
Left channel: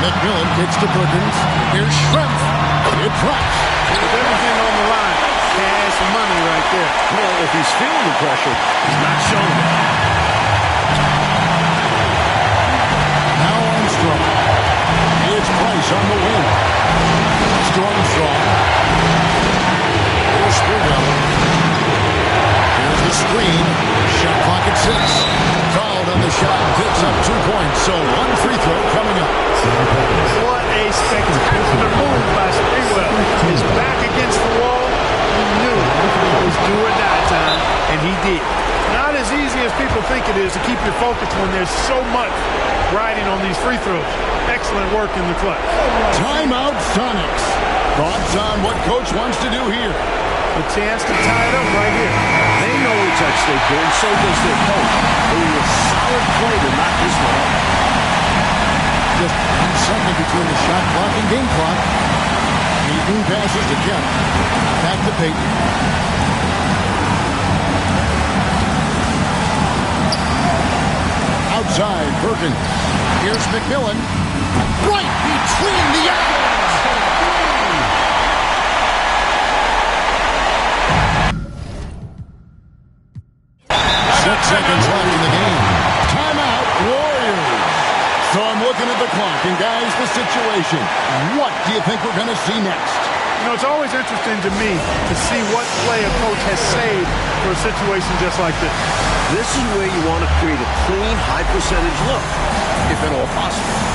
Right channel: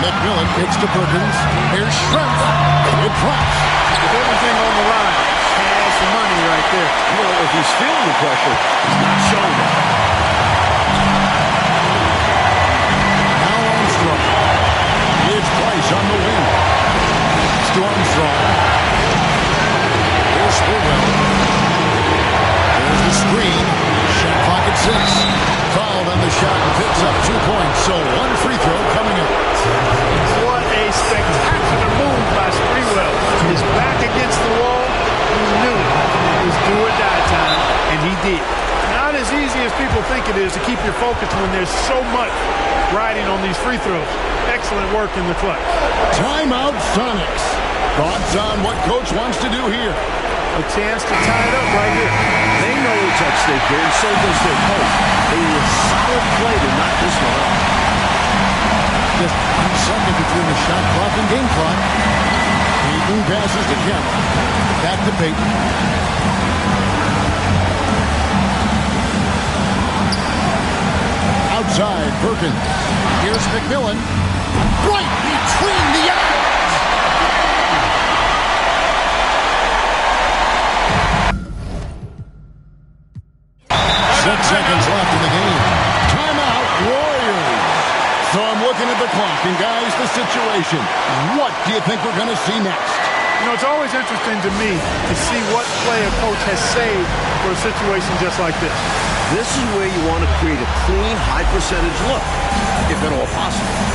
McMillan kicks to Perkins. Here's Schrempf. It drops. With everything on the line, cash money right there. Well, if he's feeling the pressure, he's not showing it. Now Armstrong. It's Price on the wing. It's to Armstrong. Here's Sprewell. There's the screen. Shot clock at 6. Fouled on the shot and picks up 2 points. So 1 free throw coming up. What a spectacular move by Sprewell. His back against the wall. He knew it was do or die time, and he did. Not as easy as people think it is to keep your focus when there's so much riding on these free throws. Excellent work in the clutch. Timeout, Sonics. Thoughts on what Coach wants to do here? A chance to tie it up right here. They know it's at stake here, and so does their coach. They need a solid play to knock this one up. Just 1 second between the shot clock and game clock. Peyton passes to Kemp. Back to Peyton. Outside, Perkins. Here's McMillan. Right between the eyes. 6 seconds left in the game. Timeout, Warriors. So I'm looking at the clock, and guys, the situation. What do you think we're going to see next? You know, it's always interesting to me to see what play a coach has saved for a situation just like this. This is where you want to create a clean, high-percentage look, if at all possible.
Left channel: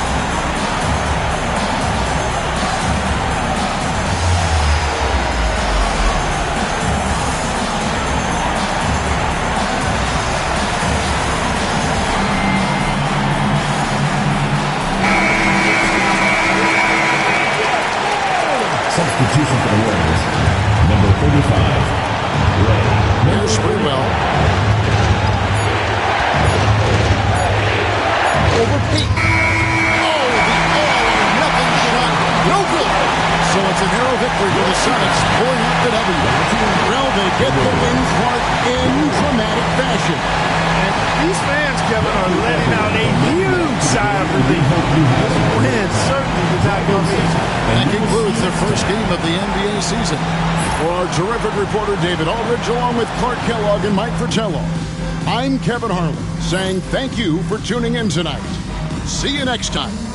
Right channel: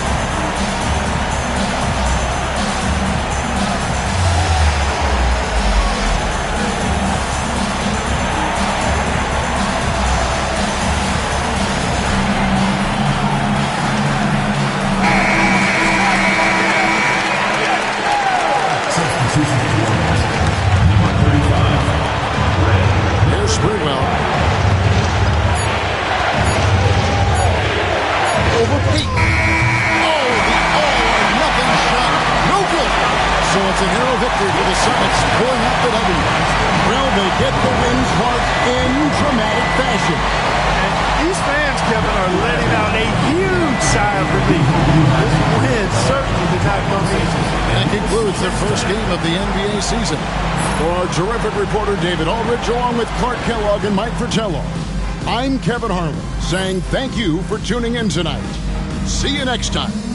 Substitution for the Warriors. Number 35, Ray. Here's Sprewell. Over Pete. Oh, the all-or-nothing shot. No good. So it's a narrow victory for the Sonics, pulling out the W. Well, they get the win, Clark, in dramatic fashion. And these fans, Kevin, are letting out a huge sigh of relief. This win certainly did not come easy. And that concludes the first game of the NBA season. For our terrific reporter, David Aldridge, along with Clark Kellogg and Mike Fratello, I'm Kevin Harlan, saying thank you for tuning in tonight. See you next time.